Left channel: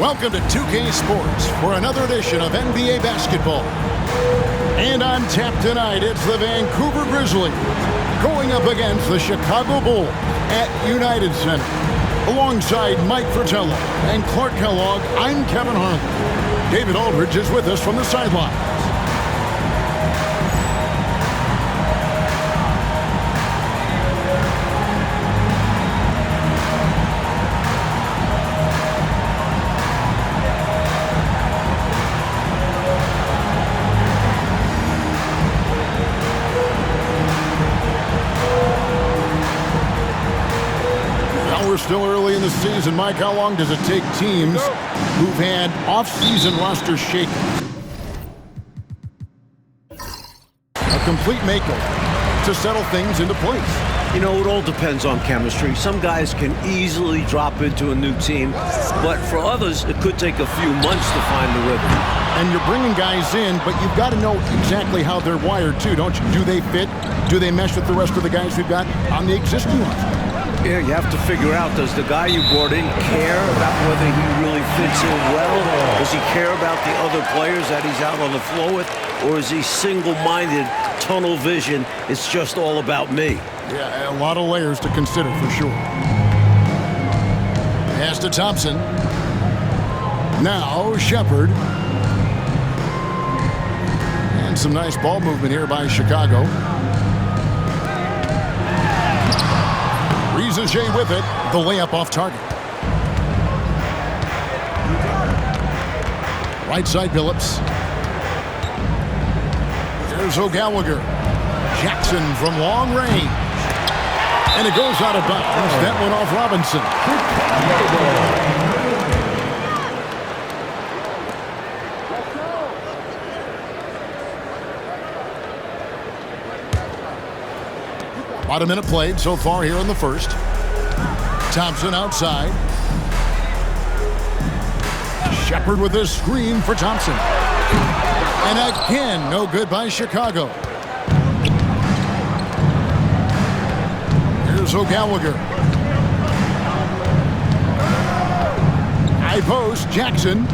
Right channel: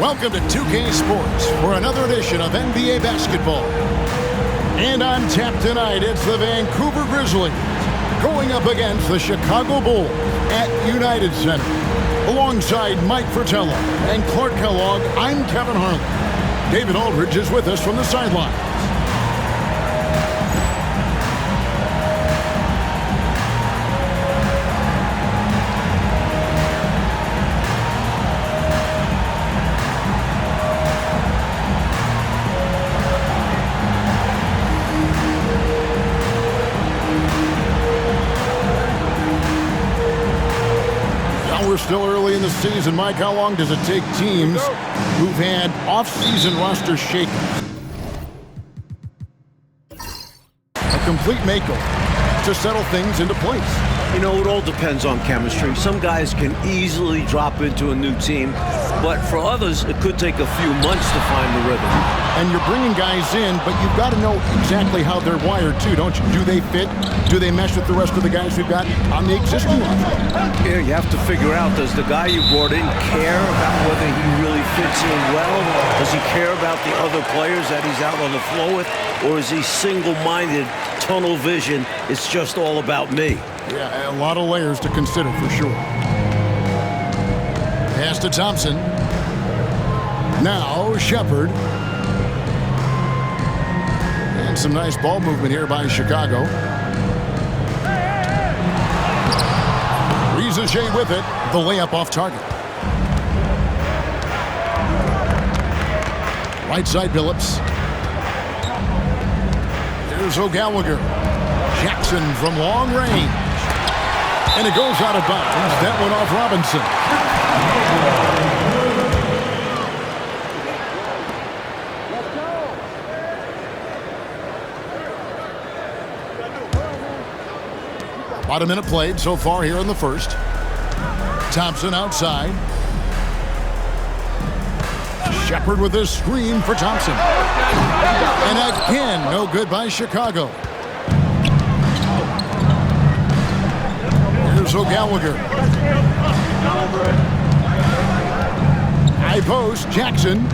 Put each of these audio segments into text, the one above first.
Welcome to 2K Sports for another edition of NBA basketball. And on tap tonight, it's the Vancouver Grizzlies going up against the Chicago Bulls at United Center. Alongside Mike Fratello and Clark Kellogg, I'm Kevin Harlan. David Aldridge is with us from the sidelines. We're still early in the season. Mike, how long does it take teams who've had off-season roster shakeups, a complete makeover, to settle things into place? You know, it all depends on chemistry. Some guys can easily drop into a new team, but for others, it could take a few months to find the rhythm. And you're bringing guys in, but you've got to know exactly how they're wired, too, don't you? Do they fit? Do they mesh with the rest of the guys we've got on the existing roster? Yeah, you have to figure out, does the guy you brought in care about whether he really fits in well? Does he care about the other players that he's out on the floor with? Or is he single-minded, tunnel vision, it's just all about me? Yeah, a lot of layers to consider for sure. Pass to Thompson. Now Shepherd. And some nice ball movement here by Chicago. Grizzles with it. The layup off target. Right side Billups. Here's O'Gallagher. Jackson from long range. And it goes out of bounds. That one off Robinson. About a minute played so far here in the first. Thompson outside. Shepherd with a screen for Thompson. And again, no good by Chicago. Here's O'Gallagher. High post, Jackson.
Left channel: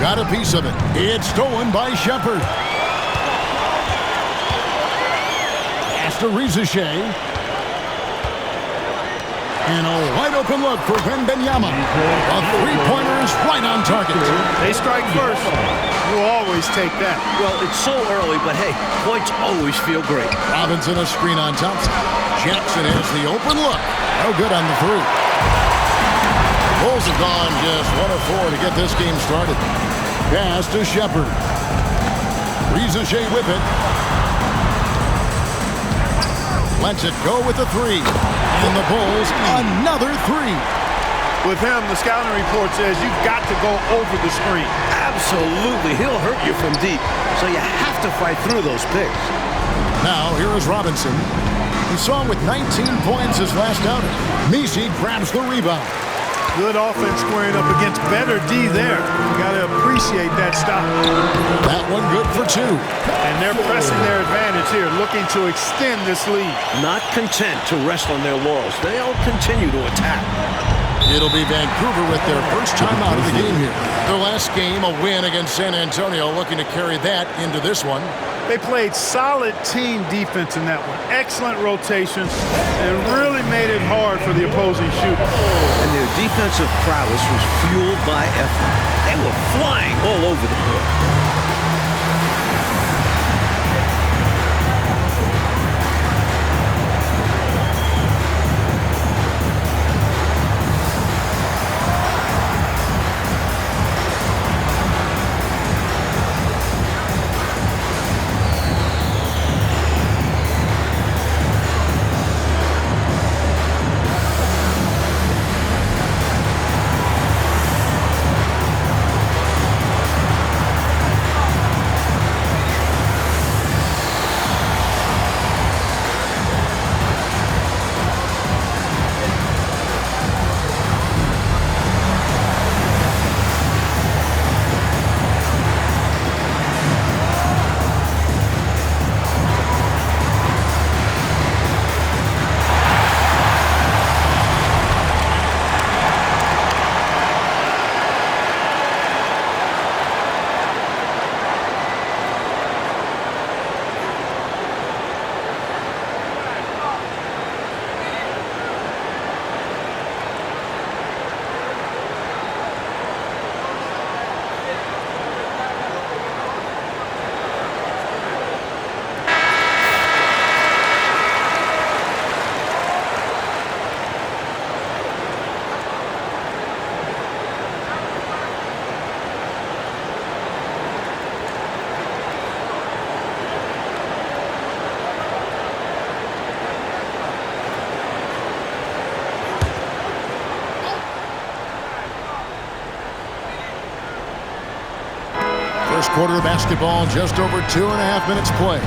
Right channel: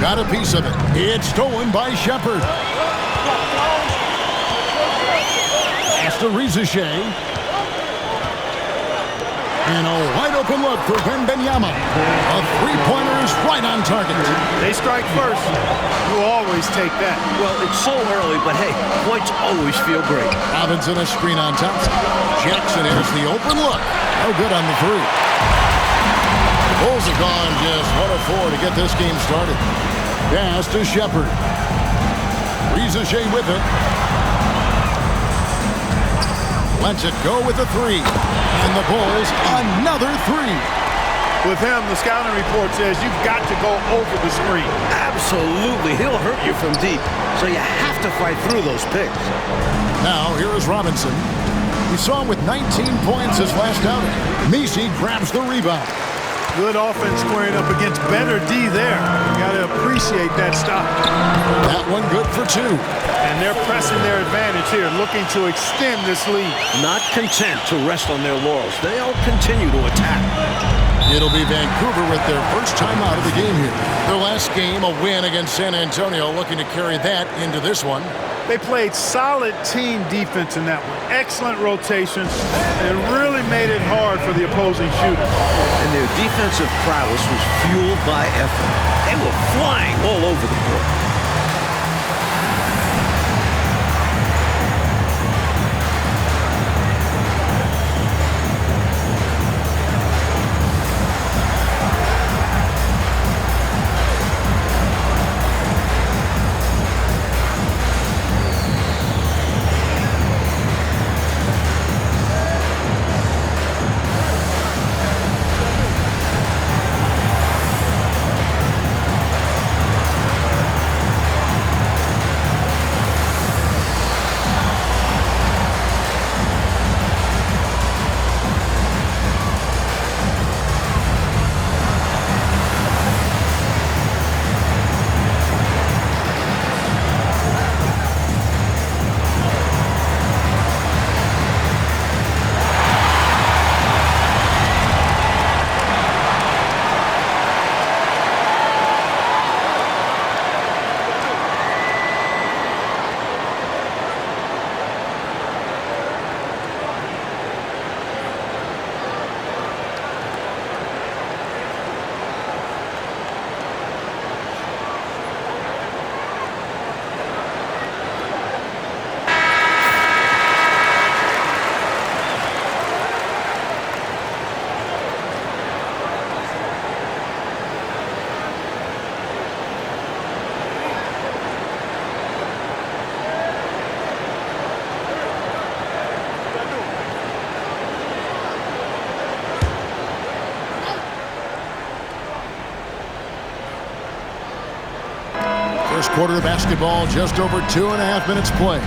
Got a piece of it. It's stolen by Shepherd. Pass to Rizichet. And a wide open look for Wemby. A three-pointer is right on target. They strike first. You always take that. Well, it's so early, but hey, points always feel great. Robinson a screen on Thompson. Jackson has the open look. No good on the three. The Bulls have gone just 1 of 4 to get this game started. Pass to Shepherd. Rizichet with it. Lets it go with the three. And the Bulls, another three. With him, the scouting report says you've got to go over the screen. Absolutely. He'll hurt you from deep. So you have to fight through those picks. Now, here is Robinson. We saw him with 19 points his last outing. Messi grabs the rebound. Good offense squaring up against better D there. You got to appreciate that stop. That one good for 2. And they're pressing their advantage here, looking to extend this lead. Not content to rest on their laurels. They'll continue to attack. It'll be Vancouver with their first time out of the game here. Their last game, a win against San Antonio, looking to carry that into this one. They played solid team defense in that one. Excellent rotations and really made it hard for the opposing shooter. And their defensive prowess was fueled by effort. They were flying all over the court. First quarter of basketball, just over 2.5 minutes played.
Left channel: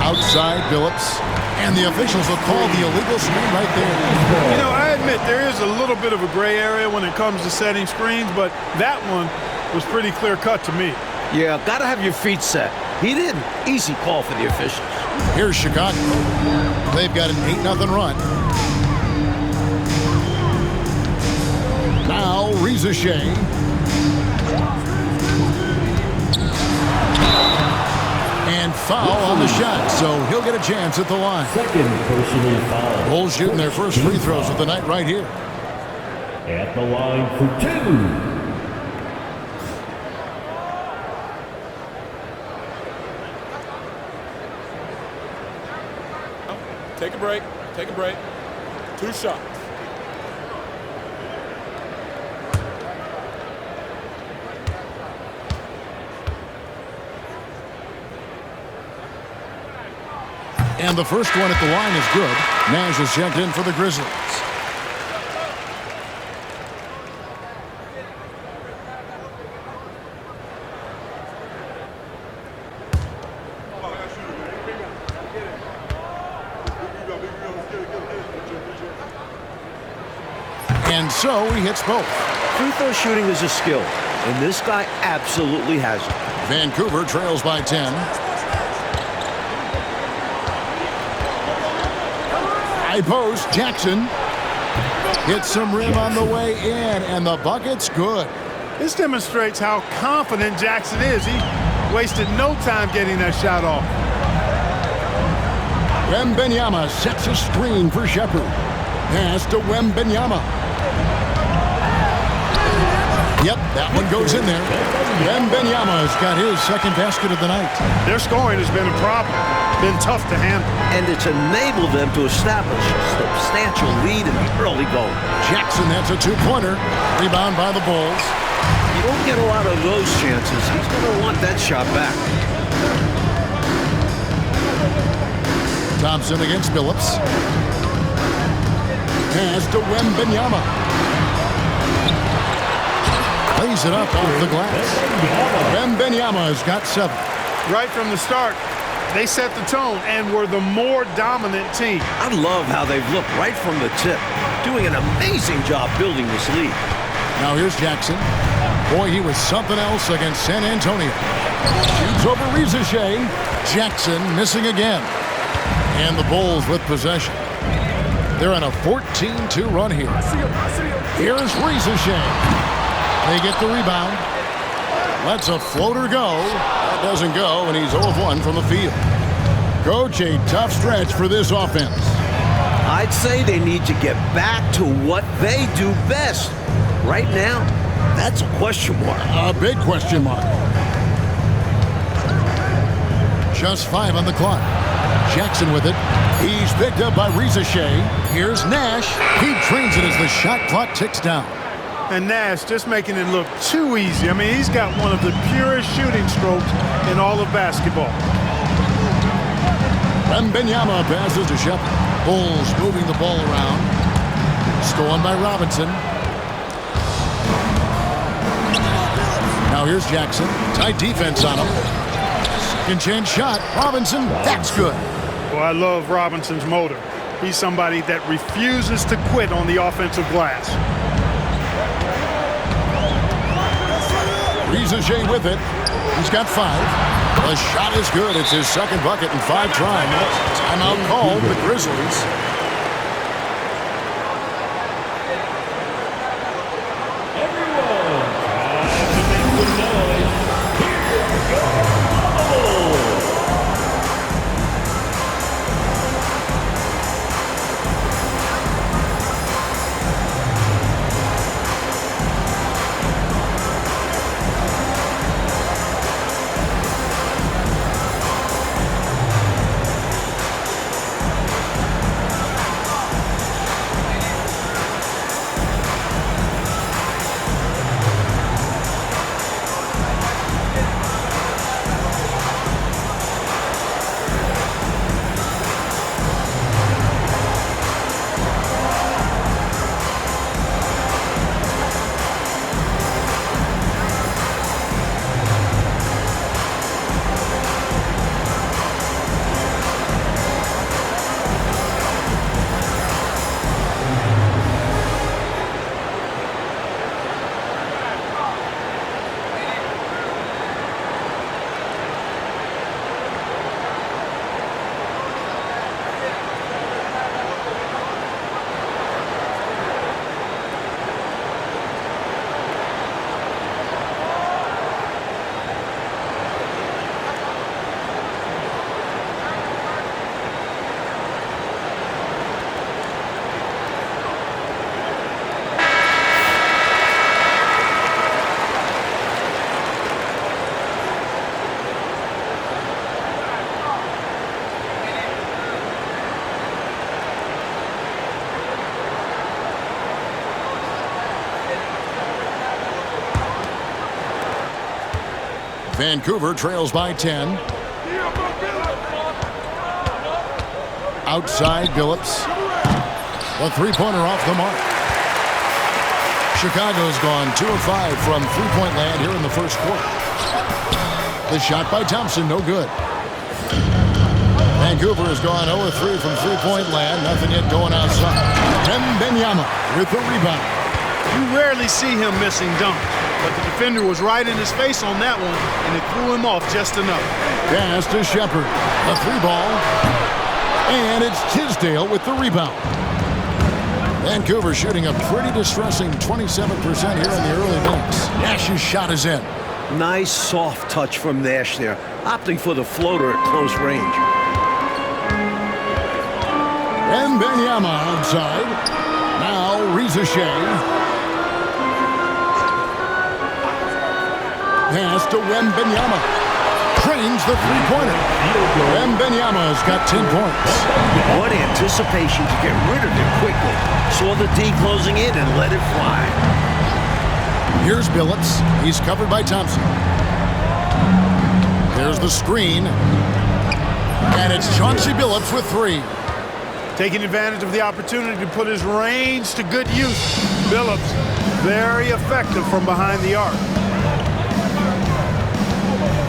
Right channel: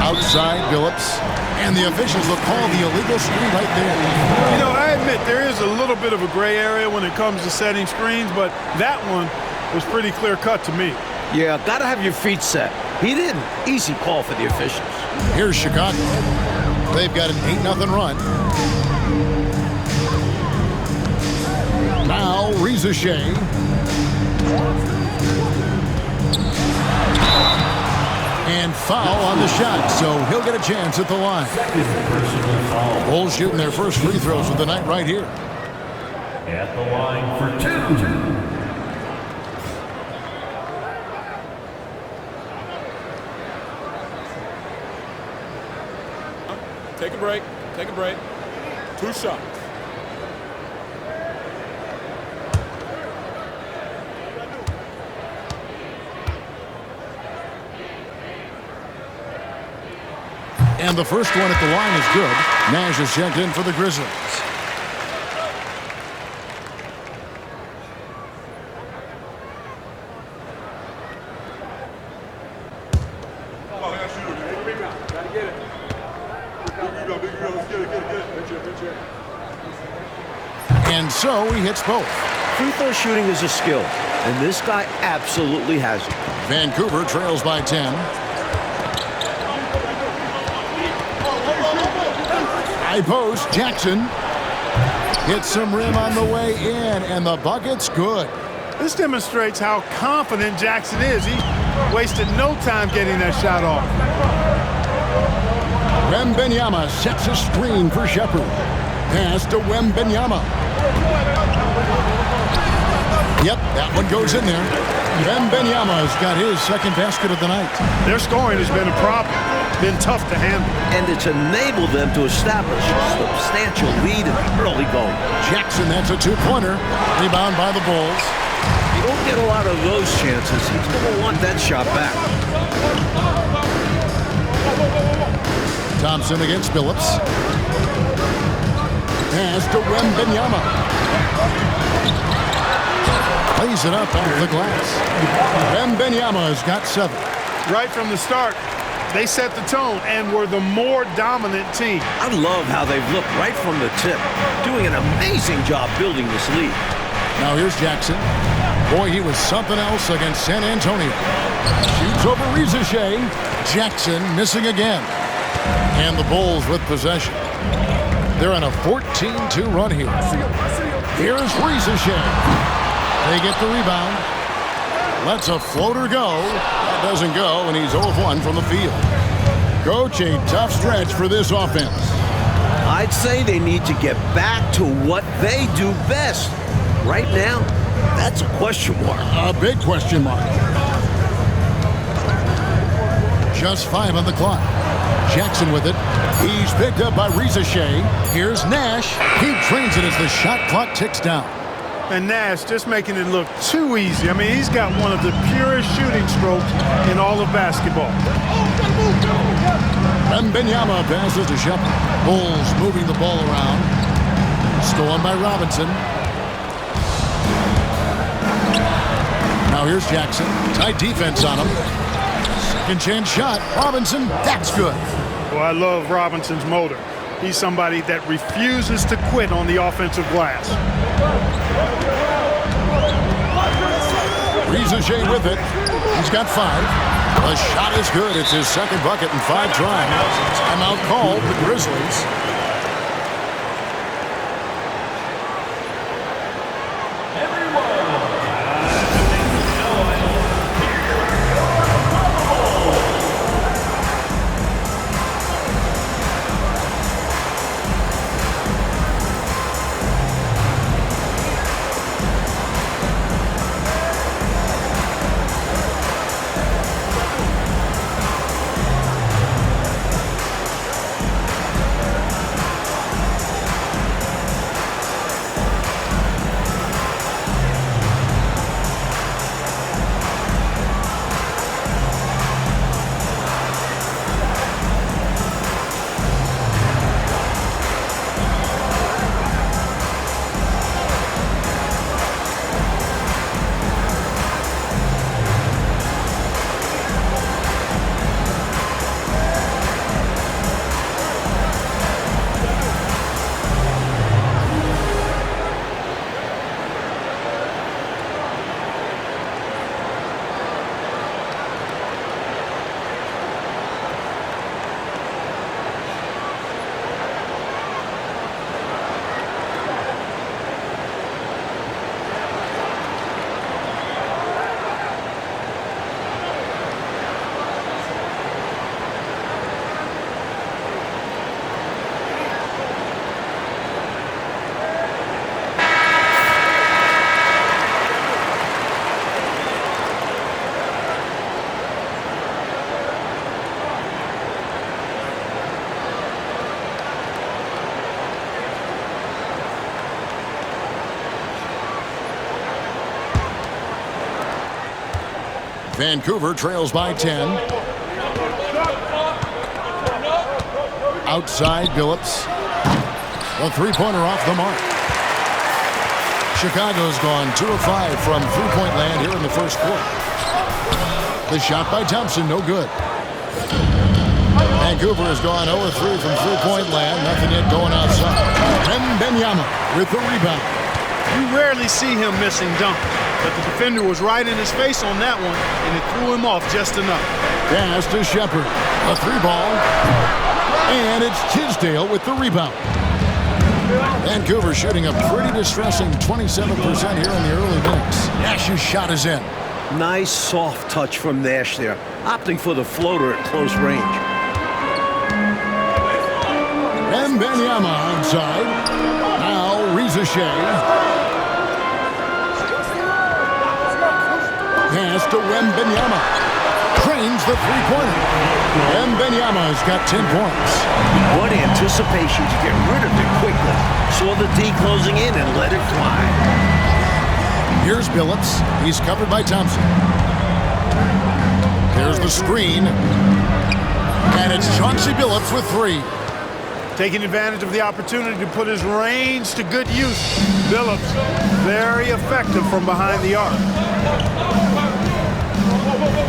Outside, Billups. And the officials will call the illegal screen right there. You know, I admit there is a little bit of a gray area when it comes to setting screens, but that one was pretty clear-cut to me. Yeah, got to have your feet set. He didn't. Easy call for the officials. Here's Chicago. They've got an 8-0 run. Now, Reza Shea. And foul on the shot, so he'll get a chance at the line. Second personal foul. Bulls shooting their first free throws of the night right here. At the line for 2. Take a break. Take a break. 2 shots. And the first one at the line is good. Nash is checked in for the Grizzlies. And so he hits both. Free throw shooting is a skill, and this guy absolutely has it. Vancouver trails by 10. High post, Jackson hits some rim on the way in, and the bucket's good. This demonstrates how confident Jackson is. He wasted no time getting that shot off. Wembenyama sets a screen for Shepard. Pass to Wembenyama. Yep, that one goes in there. Wembenyama's got his second basket of the night. Their scoring has been a problem. Been tough to handle. And it's enabled them to establish a substantial lead in the early going. Jackson, that's a 2-pointer. Rebound by the Bulls. You don't get a lot of those chances. He's going to want that shot back. Thompson against Billups. Pass to Wembenyama. Plays it up off the glass. Wembenyama's got 7. Right from the start, they set the tone and were the more dominant team. I love how they've looked right from the tip, doing an amazing job building this lead. Now here's Jackson. Boy, he was something else against San Antonio. Shoots over Reza Shea. Jackson missing again. And the Bulls with possession. They're on a 14-2 run here. Here's Reza Shea. They get the rebound. Lets a floater go. That doesn't go, and he's 0 of 1 from the field. Coach, a tough stretch for this offense. I'd say they need to get back to what they do best. Right now, that's a question mark. A big question mark. Just 5 on the clock. Jackson with it. He's picked up by Reza Shea. Here's Nash. He trains it as the shot clock ticks down. And Nash just making it look too easy. I mean, he's got one of the purest shooting strokes in all of basketball. Wembenyama passes to Shepard. Bulls moving the ball around. Stolen by Robinson. Now here's Jackson. Tight defense on him. Second chance shot. Robinson, that's good. Well, I love Robinson's motor. He's somebody that refuses to quit on the offensive glass. Reza Shea with it. He's got 5. The shot is good. It's his second bucket in 5 tries. Timeout called the Grizzlies. Vancouver trails by 10. Outside Billups. The three-pointer off the mark. Chicago's gone 2 of 5 from three-point land here in the first quarter. The shot by Thompson, no good. Vancouver has gone 0 of 3 from three-point land. Nothing yet going outside. Wemby with the rebound. You rarely see him missing dunks, but the defender was right in his face on that one, and it threw him off just enough. Pass to Shepard. A three ball. And it's Tisdale with the rebound. Vancouver shooting a pretty distressing 27% here in the early minutes. Nash's shot is in. Nice soft touch from Nash there, opting for the floater at close range. Wembanyama outside. Now Rizashea. Pass to Wembanyama. Trains the three-pointer. Wembanyama's got 10 points. What anticipation to get rid of it quickly. Saw the D closing in and let it fly. Here's Billups. He's covered by Thompson. There's the screen. And it's Chauncey Billups with 3. Taking advantage of the opportunity to put his range to good use. Billups, very effective from behind the arc.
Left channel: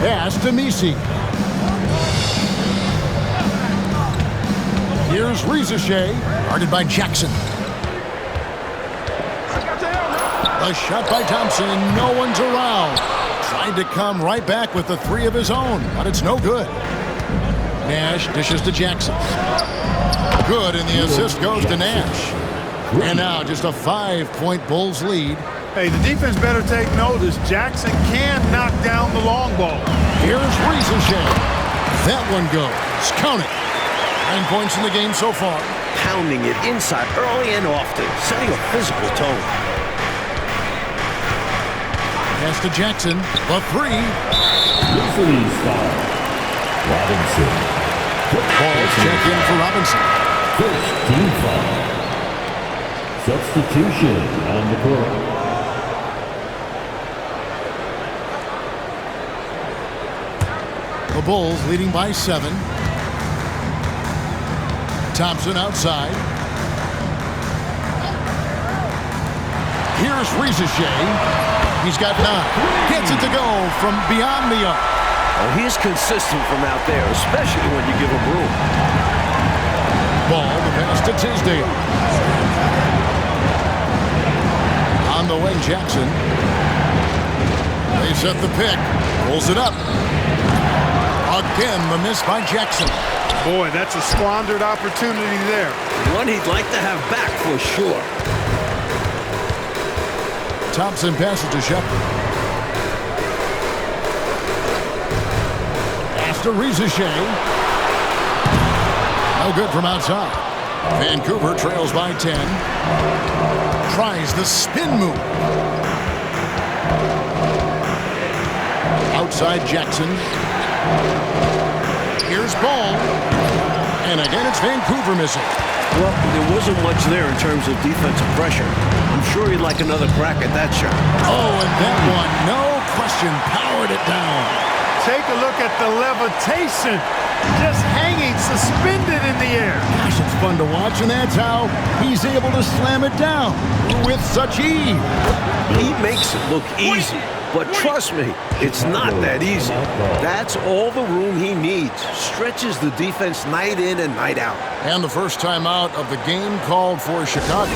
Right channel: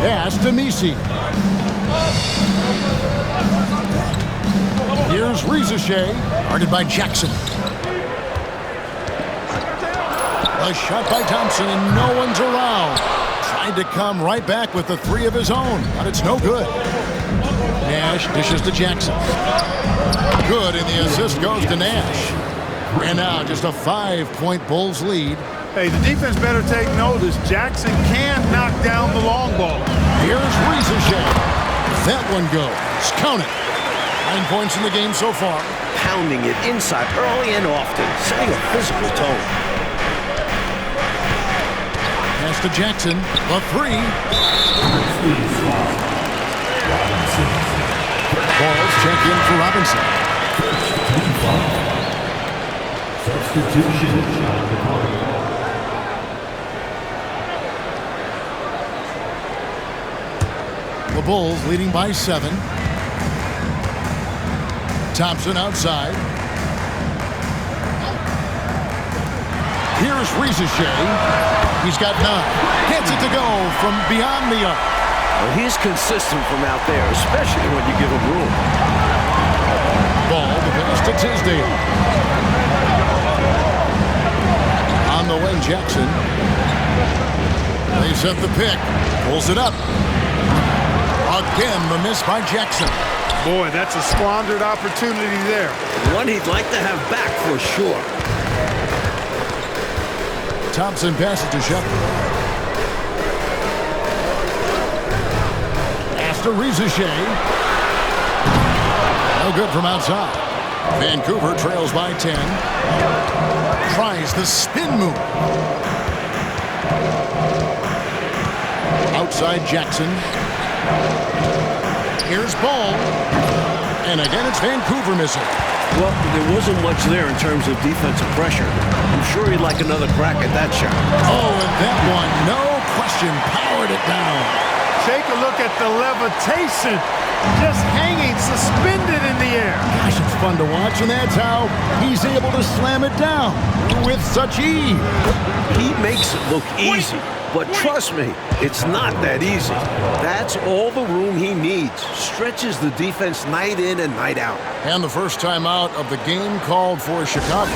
Pass to Misi. Here's Rizashea, guarded by Jackson. A shot by Thompson, and no one's around. Tried to come right back with the 3 of his own, but it's no good. Nash dishes to Jackson. Good, and the assist goes to Nash. And now just a 5-point Bulls lead. Hey, the defense better take notice. Jackson can knock down the long ball. Here's Rizashea. That one goes. Count it. 9 points in the game so far. Pounding it inside early and often, setting a physical tone. Pass to Jackson. The 3. Grizzlies foul. Robinson. Balls check in for Robinson. First team foul. Substitution on the court. The Bulls leading by 7. Thompson outside. Here's Rizashea. He's got 9. Gets it to go from beyond the arc. Well, he's consistent from out there, especially when you give him room. Ball, the pass to Tisdale. On the wing, Jackson. They set the pick. Pulls it up. Again, the miss by Jackson. Boy, that's a squandered opportunity there. One he'd like to have back for sure. Thompson passes to Shepard. Pass to Rizashea. No good from outside. Vancouver trails by 10. Tries the spin move. Outside Jackson. Here's Ball. And again, it's Vancouver missing. Well, there wasn't much there in terms of defensive pressure. I'm sure he'd like another crack at that shot. Oh, and that one, no question, powered it down. Take a look at the levitation. Just hanging, suspended in the air. Gosh, it's fun to watch, and that's how he's able to slam it down with such ease. He makes it look easy. But trust me, it's not that easy. That's all the room he needs. Stretches the defense night in and night out. And the first time out of the game called for Chicago.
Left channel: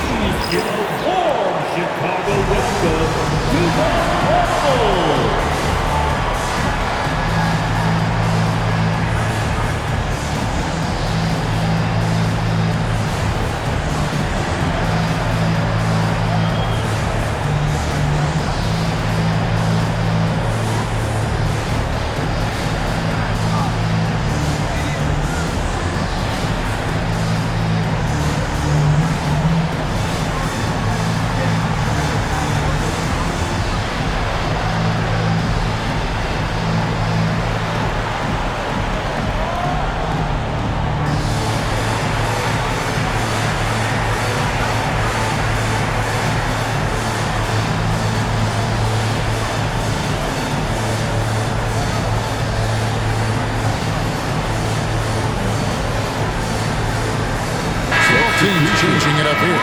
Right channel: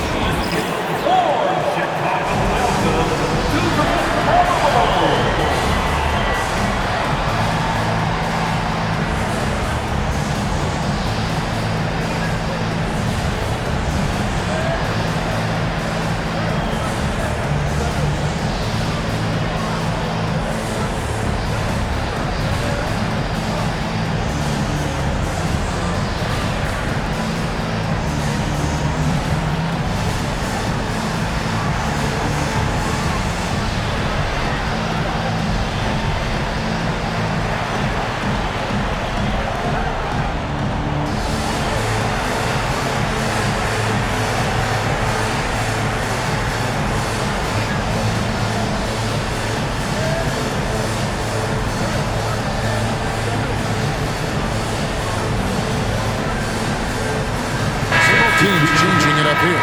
Chicago, welcome to the Bulls. teams changing it up here.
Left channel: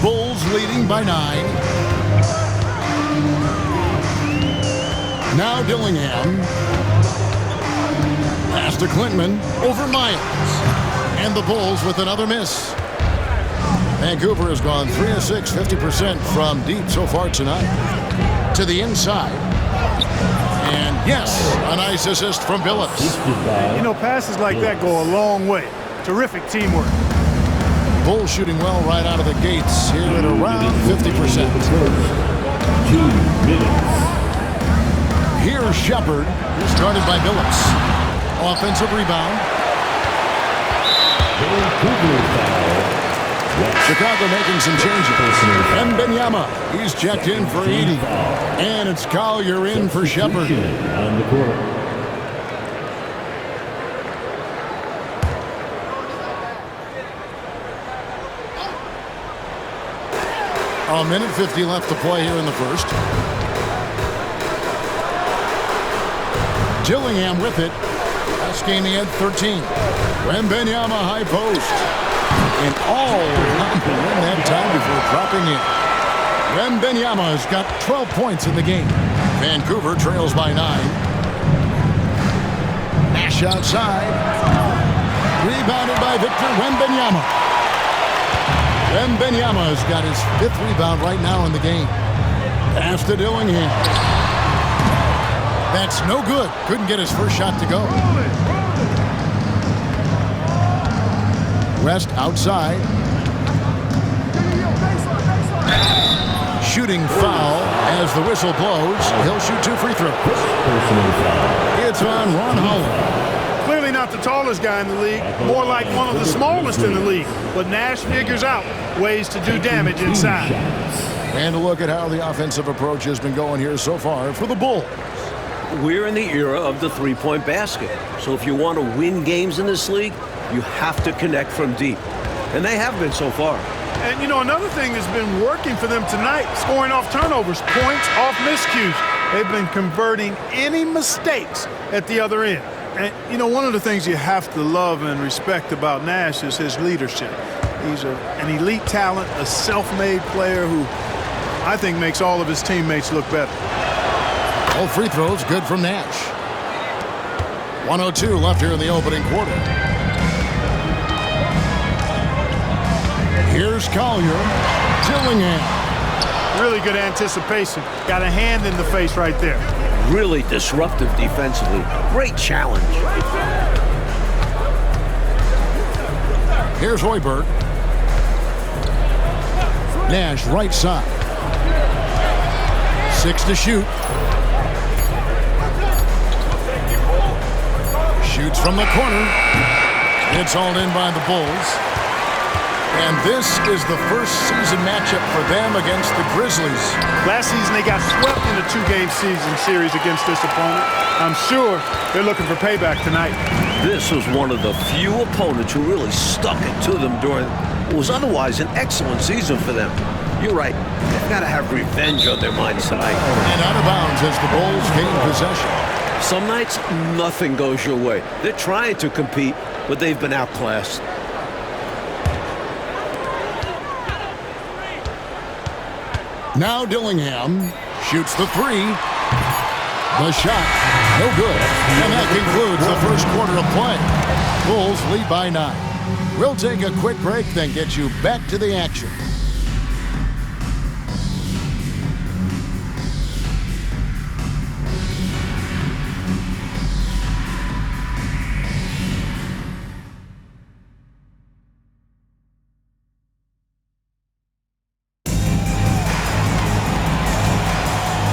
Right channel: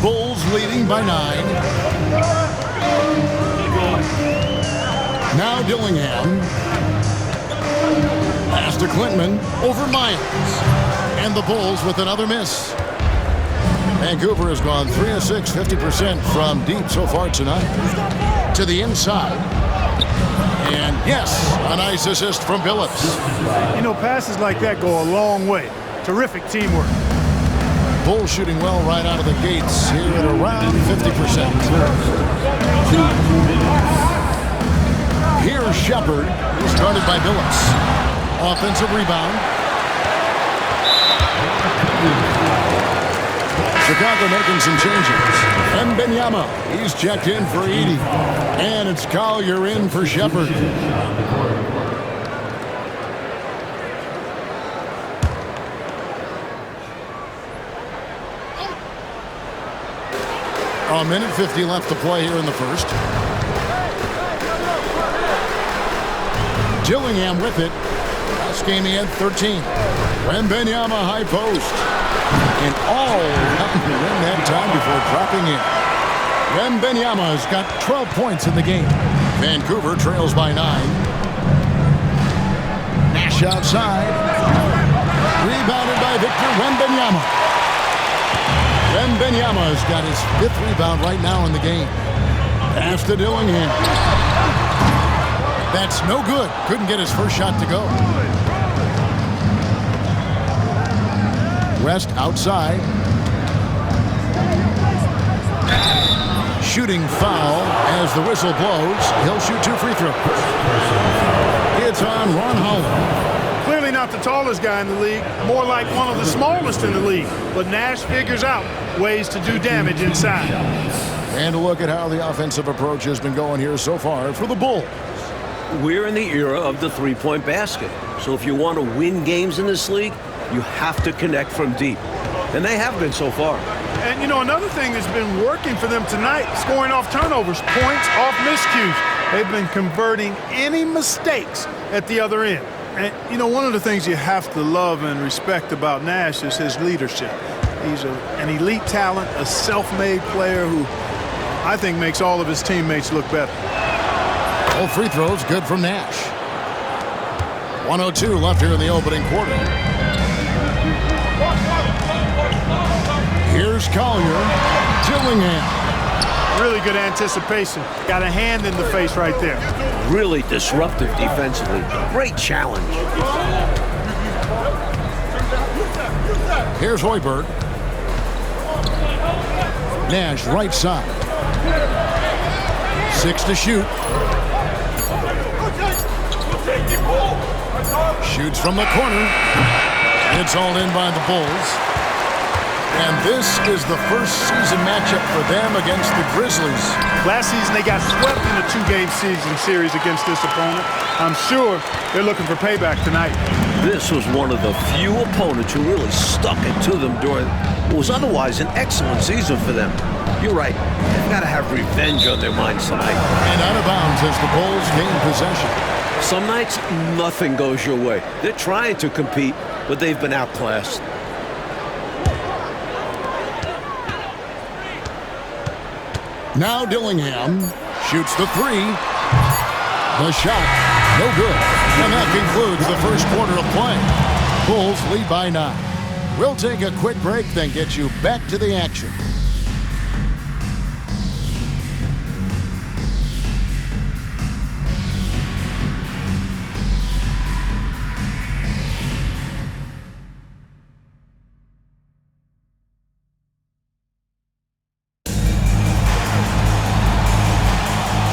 Bulls leading by 9. Now Dillingham. Pass to Clintman over Miles. And the Bulls with another miss. Vancouver has gone 3 of 6, 50% from deep so far tonight. To the inside. And yes, a nice assist from Billups. You know, passes like that go a long way. Terrific teamwork. Bulls shooting well right out of the gates here at around 50%. Here's Shepard, who's guarded by Billups. Offensive rebound. Chicago making some changes. Wemby, he's checked in for Edey. And it's Collier in for Shepard. On the corner. A minute 50 left to play here in the first. Dillingham with it. Last game he had 13. Wemby high post. And all around the rim that time before dropping in. Wemby has got 12 points in the game. Vancouver trails by 9. Nash outside. Rebounded by Victor Wembanyama. Wembanyama has got his 5th rebound right now in the game. Pass to Dillingham. That's no good. Couldn't get his first shot to go. West outside. Shooting foul as the whistle blows. He'll shoot 2 free throws. It's on Ron Holland. Clearly not the tallest guy in the league, more like one of the smallest in the league. But Nash figures out ways to do damage inside. And a look at how the offensive approach has been going here so far for the Bulls. We're in the era of the three-point basket. So if you want to win games in this league, you have to connect from deep. And they have been so far. And, you know, another thing that's been working for them tonight, scoring off turnovers, points off miscues. They've been converting any mistakes at the other end. And, you know, one of the things you have to love and respect about Nash is his leadership. He's an elite talent, a self-made player who I think makes all of his teammates look better. All free throws good from Nash. 1:02 left here in the opening quarter. Here's Collier. Dillingham. Really good anticipation. Got a hand in the face right there. Really disruptive defensively. Great challenge. Here's Hoiberg. Nash right side. 6 to shoot. Shoots from the corner. It's hauled in by the Bulls. And this is the first season matchup for them against the Grizzlies. Last season, they got swept in a 2-game season series against this opponent. I'm sure they're looking for payback tonight. This was one of the few opponents who really stuck it to them during what was otherwise an excellent season for them. You're right. They've got to have revenge on their minds tonight. And out of bounds as the Bulls gain possession. Some nights, nothing goes your way. They're trying to compete, but they've been outclassed. Now Dillingham shoots the 3. The shot, no good. And that concludes the first quarter of play. Bulls lead by 9. We'll take a quick break, then get you back to the action.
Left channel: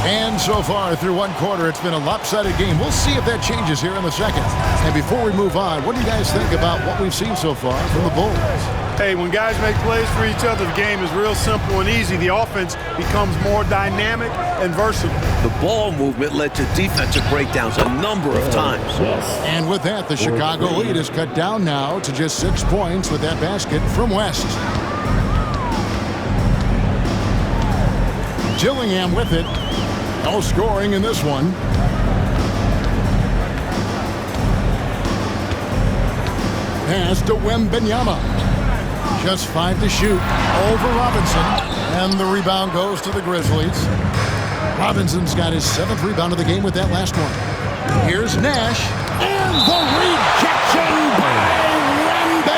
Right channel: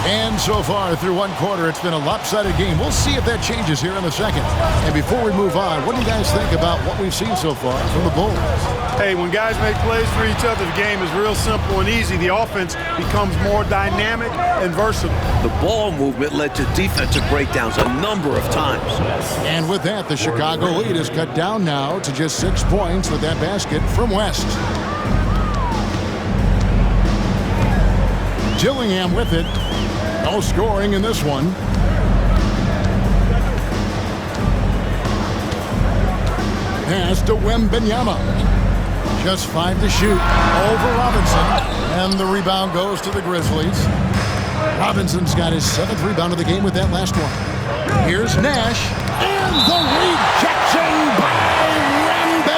And And so far through one quarter, it's been a lopsided game. We'll see if that changes here in the second. And before we move on, what do you guys think about what we've seen so far from the Bulls? Hey, when guys make plays for each other, the game is real simple and easy. The offense becomes more dynamic and versatile. The ball movement led to defensive breakdowns a number of times. And with that, the Chicago lead is cut down now to just 6 points with that basket from West. Gillingham with it. No scoring in this one. Pass to Wemby. Just 5 to shoot. Over Robinson. And the rebound goes to the Grizzlies. Robinson's got his 7th rebound of the game with that last one. Here's Nash. And the rejection by Wemby.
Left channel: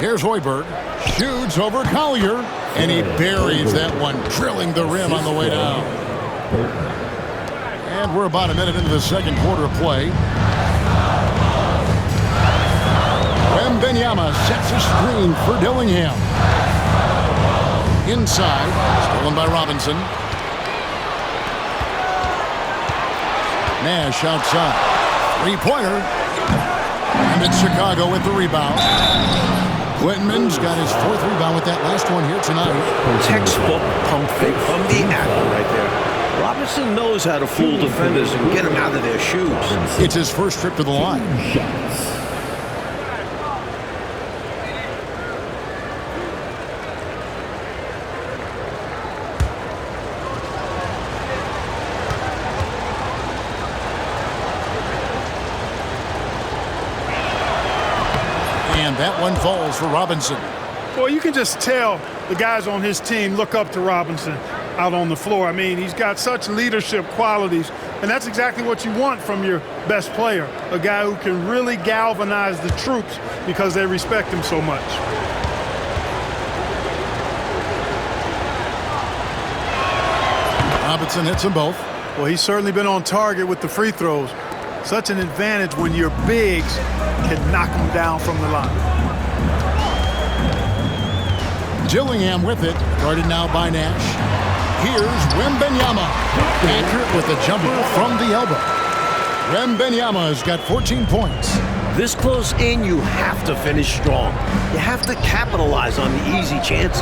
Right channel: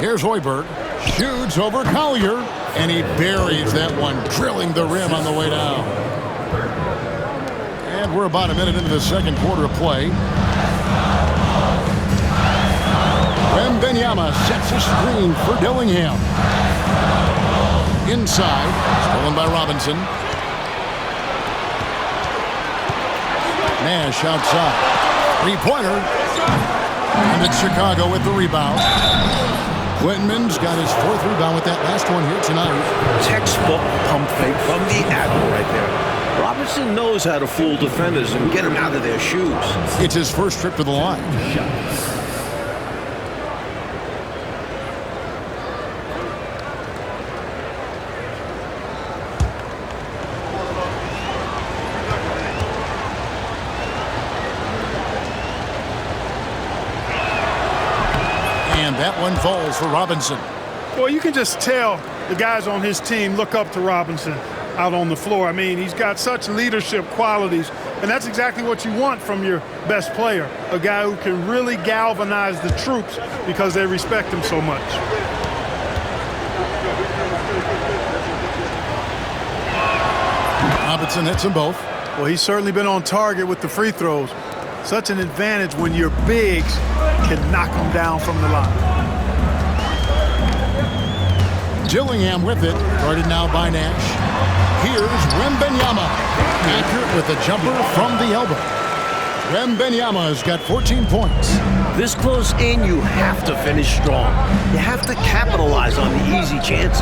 Here's Hoiberg. Shoots over Collier. And he buries that one, drilling the rim on the way down. And we're about a minute into the second quarter of play. Wemby sets a screen for Dillingham. Inside, stolen by Robinson. Nash outside. Three-pointer. And it's Chicago with the rebound. Whitman's got his 4th rebound with that last one here tonight. Textbook pump fake from the Admiral right there. Robinson knows how to fool defenders and get them out of their shoes. It's his first trip to the line. And that one falls for Robinson. Well, you can just tell the guys on his team look up to Robinson out on the floor. I mean, he's got such leadership qualities, and that's exactly what you want from your best player, a guy who can really galvanize the troops because they respect him so much. Robinson hits them both. Well, he's certainly been on target with the free throws. Such an advantage when your bigs can knock them down from the line. Gillingham with it, guarded now by Nash. Here's Wemby. Accurate with a jumper from the elbow. Wemby has got 14 points. This close in, you have to finish strong. You have to capitalize on the easy chances.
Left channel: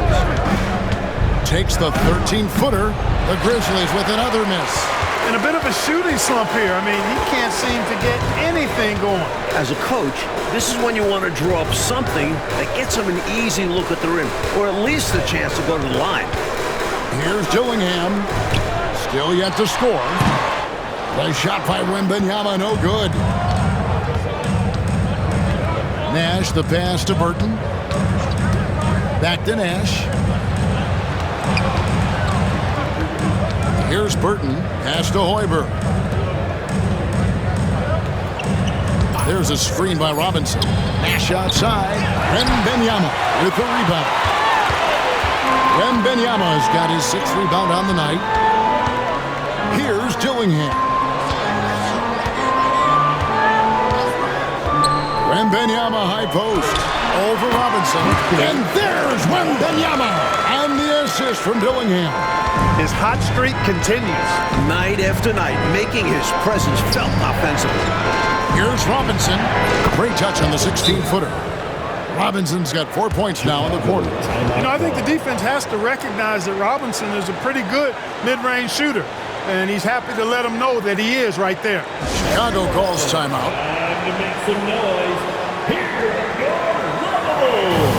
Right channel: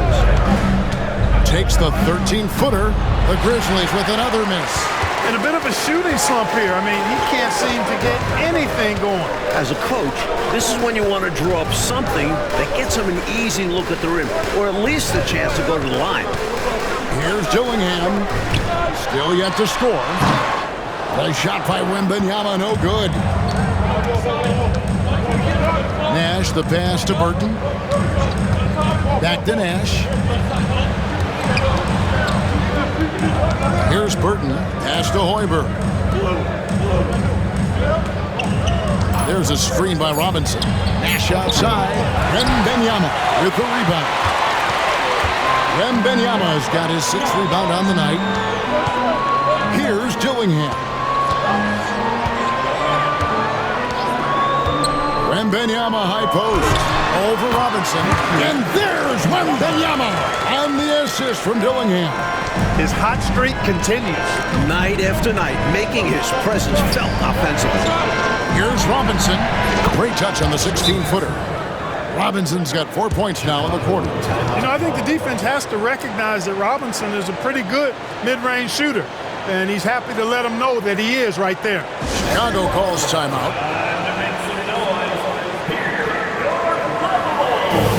Takes the 13-footer. The Grizzlies with another miss. And a bit of a shooting slump here. I mean, he can't seem to get anything going. As a coach, this is when you want to draw up something that gets him an easy look at the rim, or at least a chance to go to the line. Here's Gillingham. Still yet to score. The shot by Wemby, no good. Nash, the pass to Burton. Back to Nash. Here's Burton. Pass to Hoiberg. There's a screen by Robinson. Nash outside. Wemby with the rebound. Wemby has got his 6th rebound on the night. Here's Gillingham. Wemby high post. Over Robinson. And there's Wemby. And the assist from Dillingham. His hot streak continues. Night after night, making his presence felt offensively. Here's Robinson. Great touch on the 16-footer. Robinson's got 4 points now in the quarter. You know, I think the defense has to recognize that Robinson is a pretty good mid-range shooter, and he's happy to let him know that he is right there. Chicago calls timeout. Time to make some noise. Here your Rebels.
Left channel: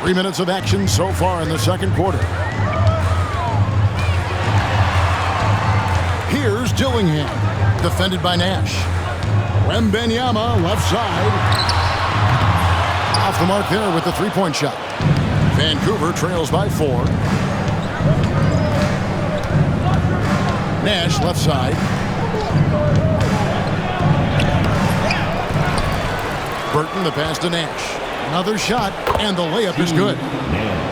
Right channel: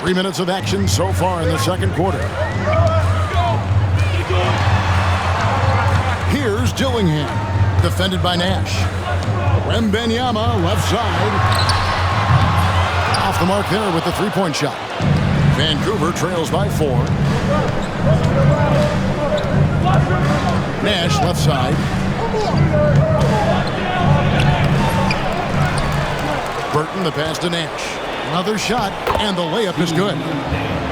3 minutes of action so far in the second quarter. Here's Dillingham, defended by Nash. Wembenyama, left side. Off the mark there with the three-point shot. Vancouver trails by 4. Nash, left side. Burton, the pass to Nash. Another shot, and the layup is good.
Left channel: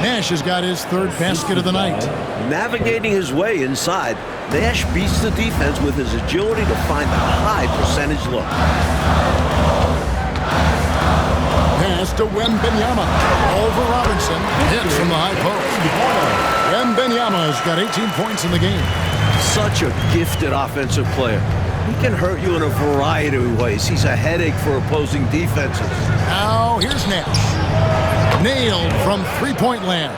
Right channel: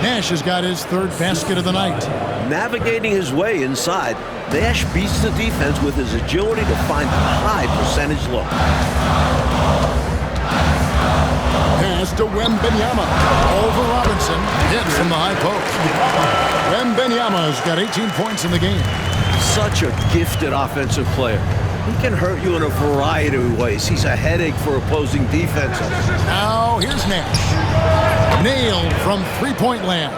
Nash has got his third basket of the night. Navigating his way inside, Nash beats the defense with his agility to find the high percentage look. Pass to Wembenyama. Over Robinson. Hits from the high post. Wembenyama has got 18 points in the game. Such a gifted offensive player. He can hurt you in a variety of ways. He's a headache for opposing defenses. Now here's Nash. Nailed from three-point land.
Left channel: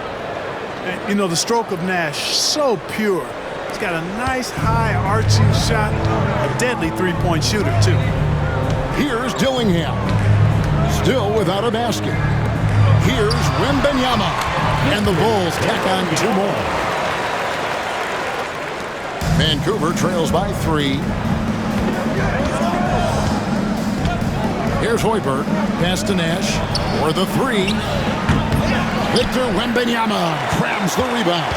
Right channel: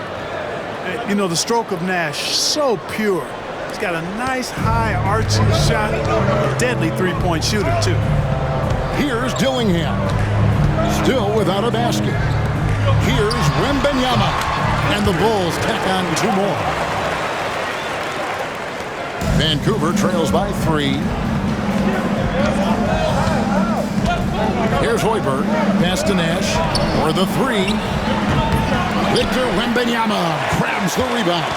And, you know, the stroke of Nash, so pure. He's got a nice high arching shot. A deadly three-point shooter, too. Here's Dillingham. Still without a basket. Here's Wembenyama. And the Bulls tack on 2 more. Vancouver trails by 3. Here's Hoiberg. Pass to Nash. For the 3. Victor Wembenyama grabs the rebound.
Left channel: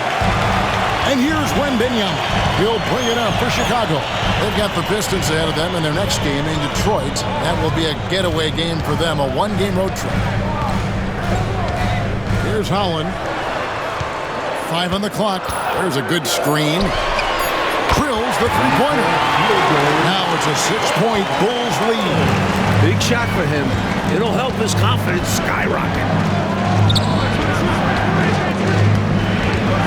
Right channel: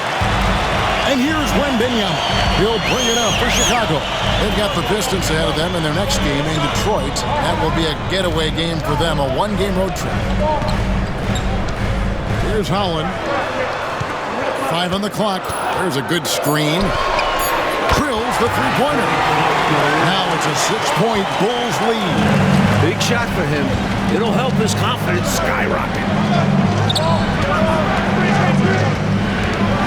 And here's Wembenyama. He'll bring it up for Chicago. They've got the Pistons ahead of them in their next game in Detroit. That will be a getaway game for them, a 1-game road trip. Here's Holland. 5 on the clock. There's a good screen. Drills the three-pointer. Now it's a 6-point Bulls lead. Big shot for him. It'll help his confidence skyrocket.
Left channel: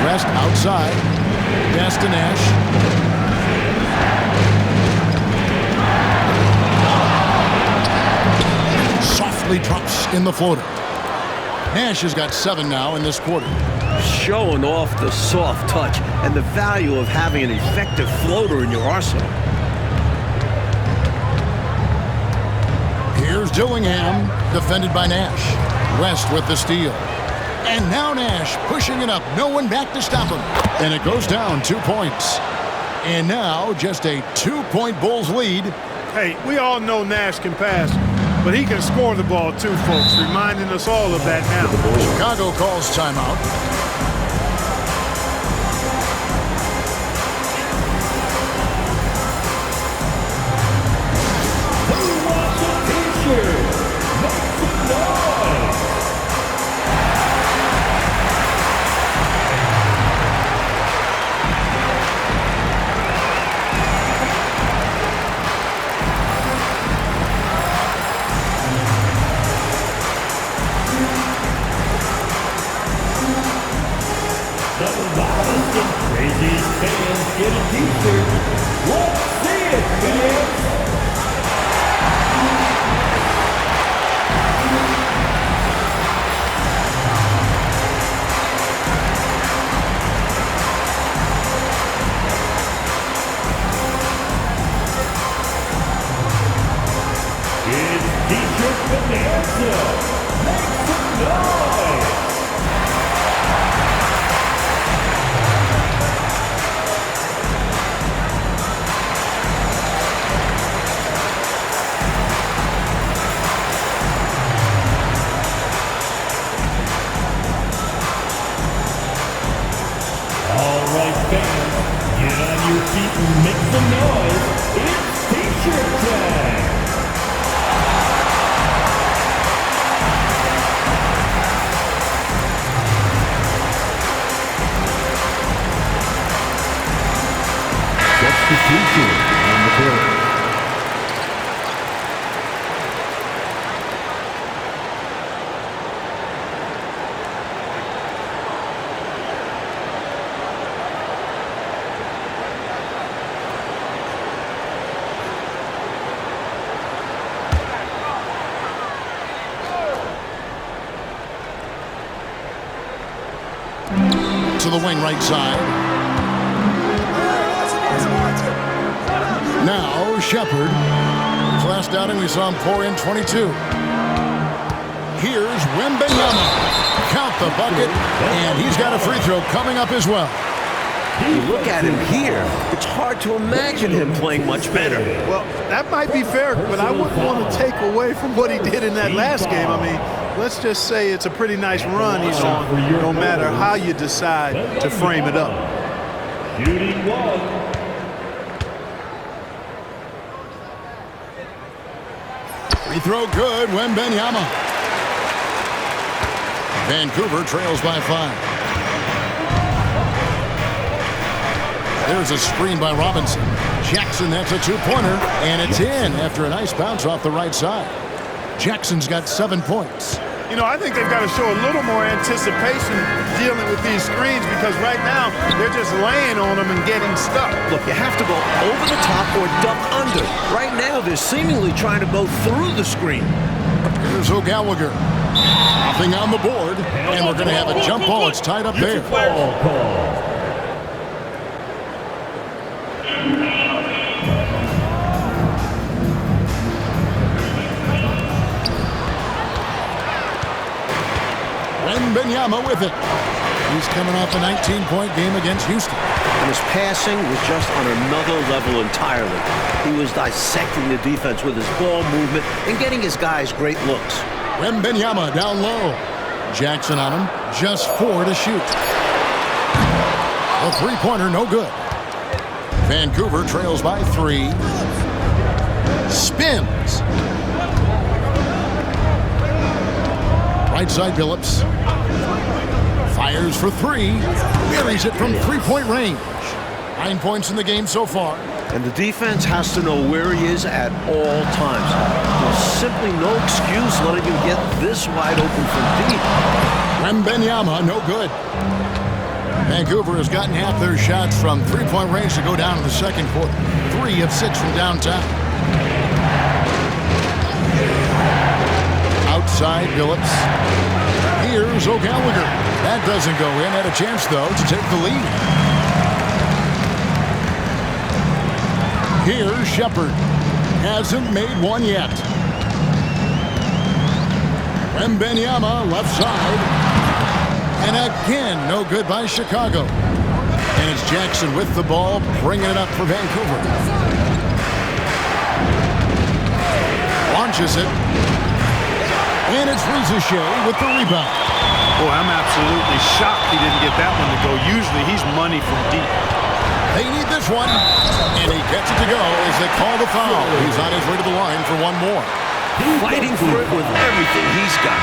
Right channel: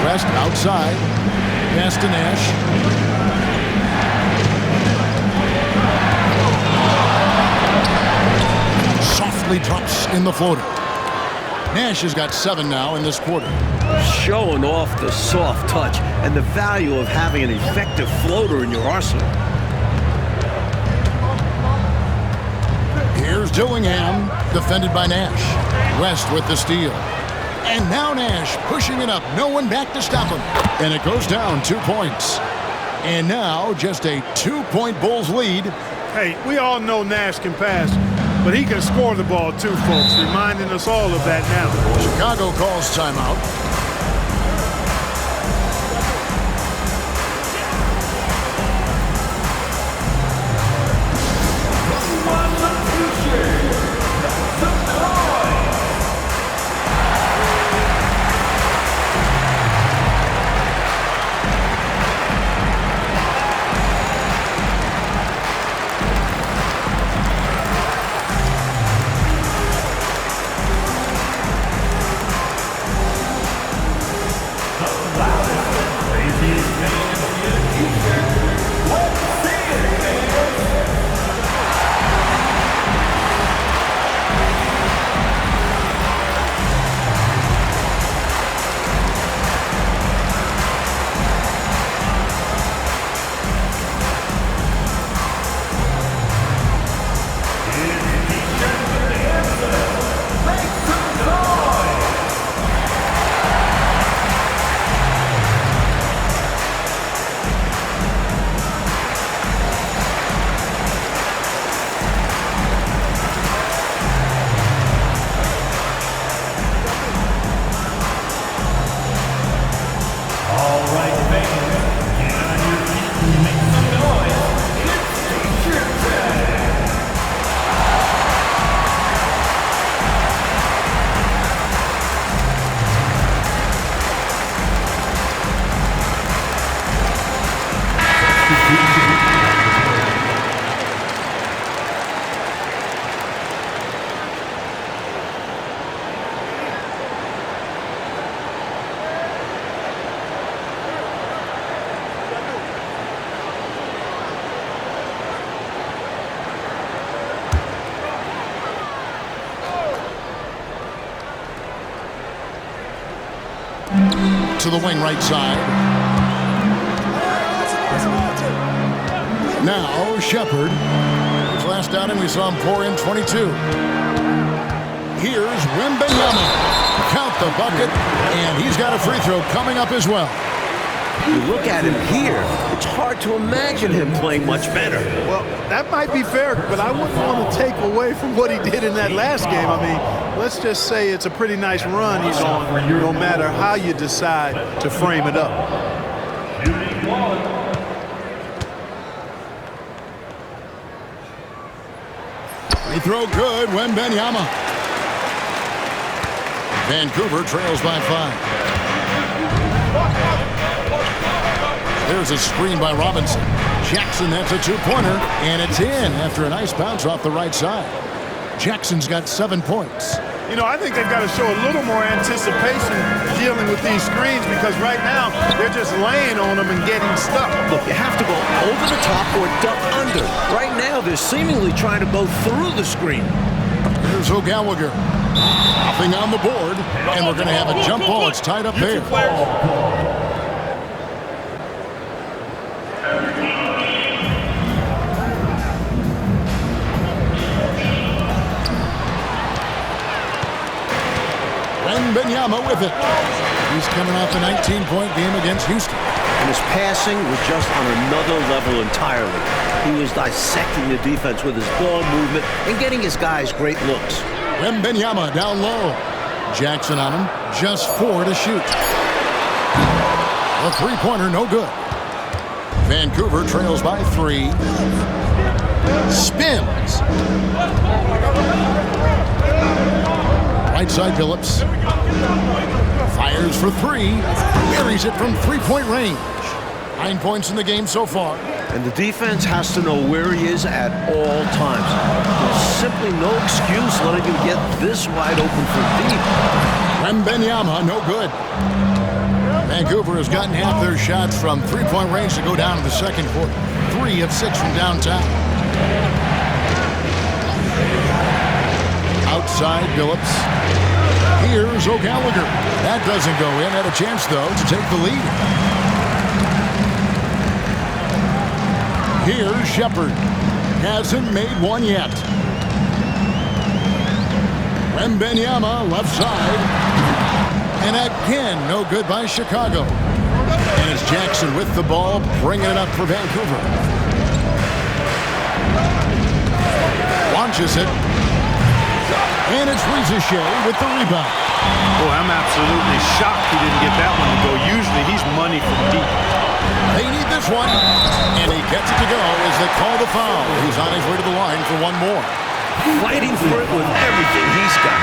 West outside. Pass to Nash. Softly drops in the floater. Nash has got 7 now in this quarter. Showing off the soft touch and the value of having an effective floater in your arsenal. Here's Dillingham, defended by Nash. West with the steal. And now Nash pushing it up. No one back to stop him. And it goes down 2 points. And now just a 2-point Bulls lead. Hey, we all know Nash can pass, but he can score the ball too, folks, reminding us all of that now. Chicago calls timeout. To the wing right side. Now Shepard. His last outing we saw him pour in 22. Here's Wembenyama. count the bucket, and he's got a free throw coming up as well. You look at him here, it's hard to imagine him playing much better. Well, that might be fair, but I wouldn't want to take away from what he did in that last game. I mean, let's just say it's a pretty nice run he's on, no matter how you decide to frame it up. Shooting one. Free throw good, Wemby. Vancouver trails by 5. There's a screen by Robinson. Jackson, that's a two-pointer, and it's in after a nice bounce off the right side. Jackson's got 7 points. You know, I think they've got to show a little more anticipation dealing with these screens because right now they're just laying on them and getting stuck. Look, you have to go over the top or duck under. Right now, they're seemingly trying to go through the screen. Here's O'Gallagher. Nothing on the board, and we're going to have a jump ball. It's tied up there. Wemby with it. He's coming off a 19-point game against Houston. And his passing was just on another level entirely. He was dissecting the defense with his ball movement and getting his guys great looks. Wemby down low. Jackson on him. Just 4 to shoot. A three-pointer, no good. Vancouver trails by 3. Spins. Right side, Phillips. Fires for 3. Buries it from three-point range. 9 points in the game so far. And the defense has to know where he is at all times. There's simply no excuse letting him get this wide open from deep. Wemby, no good. Vancouver has gotten half their shots from three-point range to go down in the second quarter. 3 of 6 from downtown. Outside, Phillips. Here's O'Gallagher. That doesn't go in. Had a chance, though, to take the lead. Here's Shepard. Hasn't made one yet. Wemby, left side. And again, no good by Chicago. And it's Jackson with the ball, bringing it up for Vancouver. Launches it. And it's Rizichet with the rebound. Boy, I'm absolutely shocked he didn't get that one to go. Usually he's money from deep. They need this one. And he gets it to go as they call the foul. He's on his way to the line for one more. Fighting for it with everything he's got.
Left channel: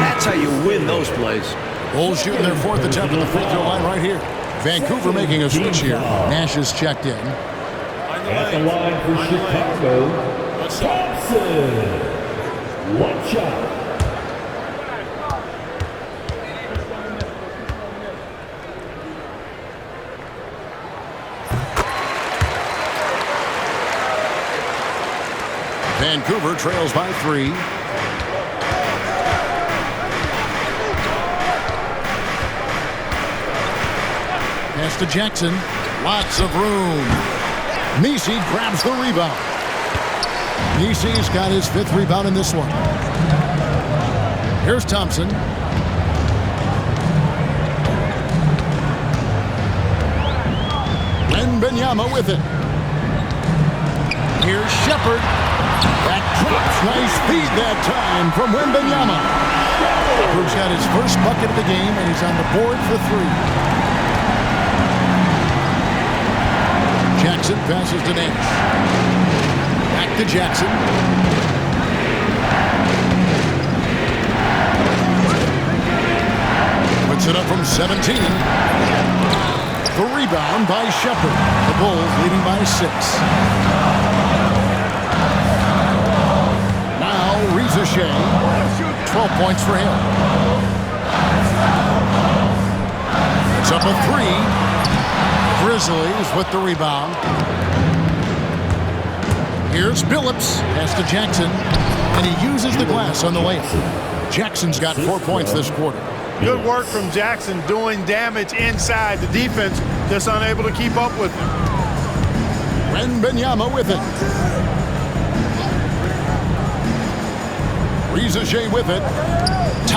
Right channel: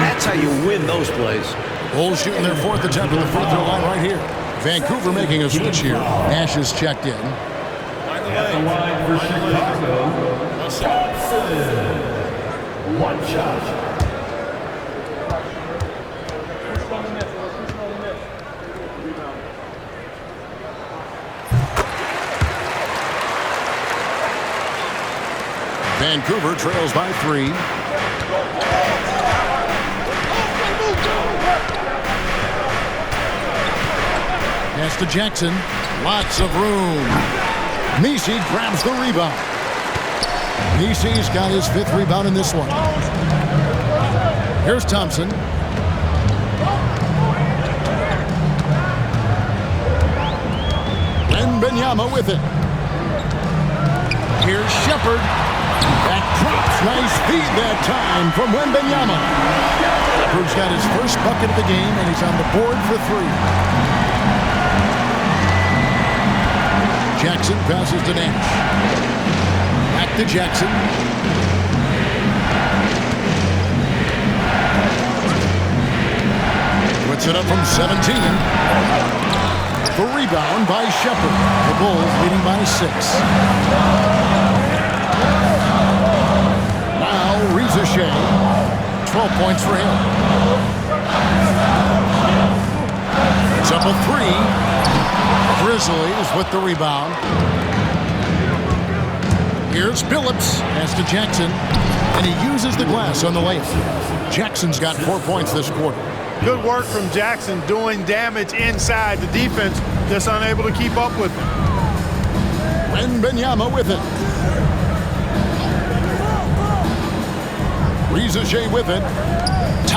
That's how you win those plays. Bulls shooting their 4th attempt at the free throw line right here. Vancouver making a switch here. Nash is checked in. At the line for Chicago, Thompson. One shot. Vancouver trails by 3. Pass to Jackson. Lots of room. Nisi grabs the rebound. Nisi's got his 5th rebound in this one. Here's Thompson. Wemby with it. Here's Shepard. That drops. Nice feed that time from Wemby. Shepard's got his first bucket of the game, and he's on the board for 3. Jackson passes to Nash. Back to Jackson. Puts it up from 17. The rebound by Shepard. The Bulls leading by 6. Now Rizichet. 12 points for him. It's up a 3. Grizzlies with the rebound. Here's Phillips. Pass to Jackson. And he uses the glass on the layup. Jackson's got 4 points this quarter. Good work from Jackson doing damage inside. The defense just unable to keep up with him. Wemby with it. Rizichet with it.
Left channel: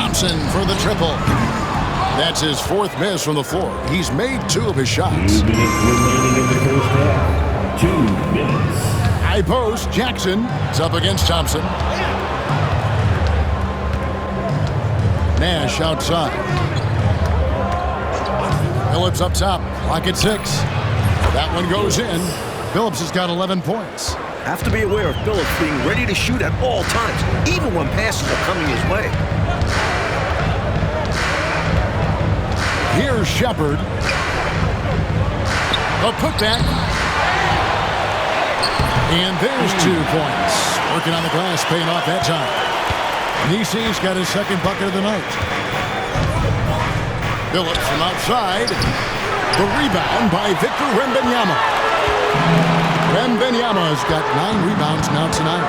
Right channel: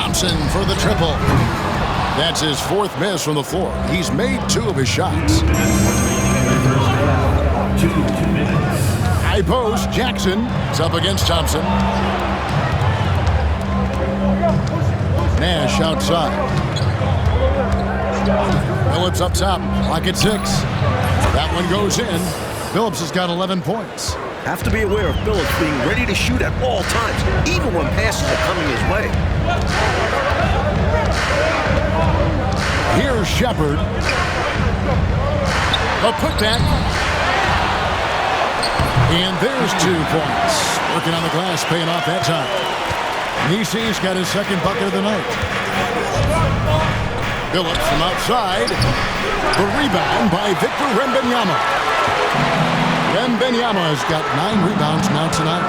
Thompson for the triple. That's his fourth miss from the floor. He's made 2 of his shots. 2 minutes remaining in the first half. 2 minutes. High post, Jackson is up against Thompson. Nash outside. Phillips up top, clock at 6. That one goes in. Phillips has got 11 points. Have to be aware of Phillips being ready to shoot at all times, even when passes are coming his way. Here's Shepard. The putback. And there's 2 points. Working on the glass, paying off that time. Nisi's got his second bucket of the night. Phillips from outside. The rebound by Victor Wembanyama. Wembanyama's got 9 rebounds now tonight.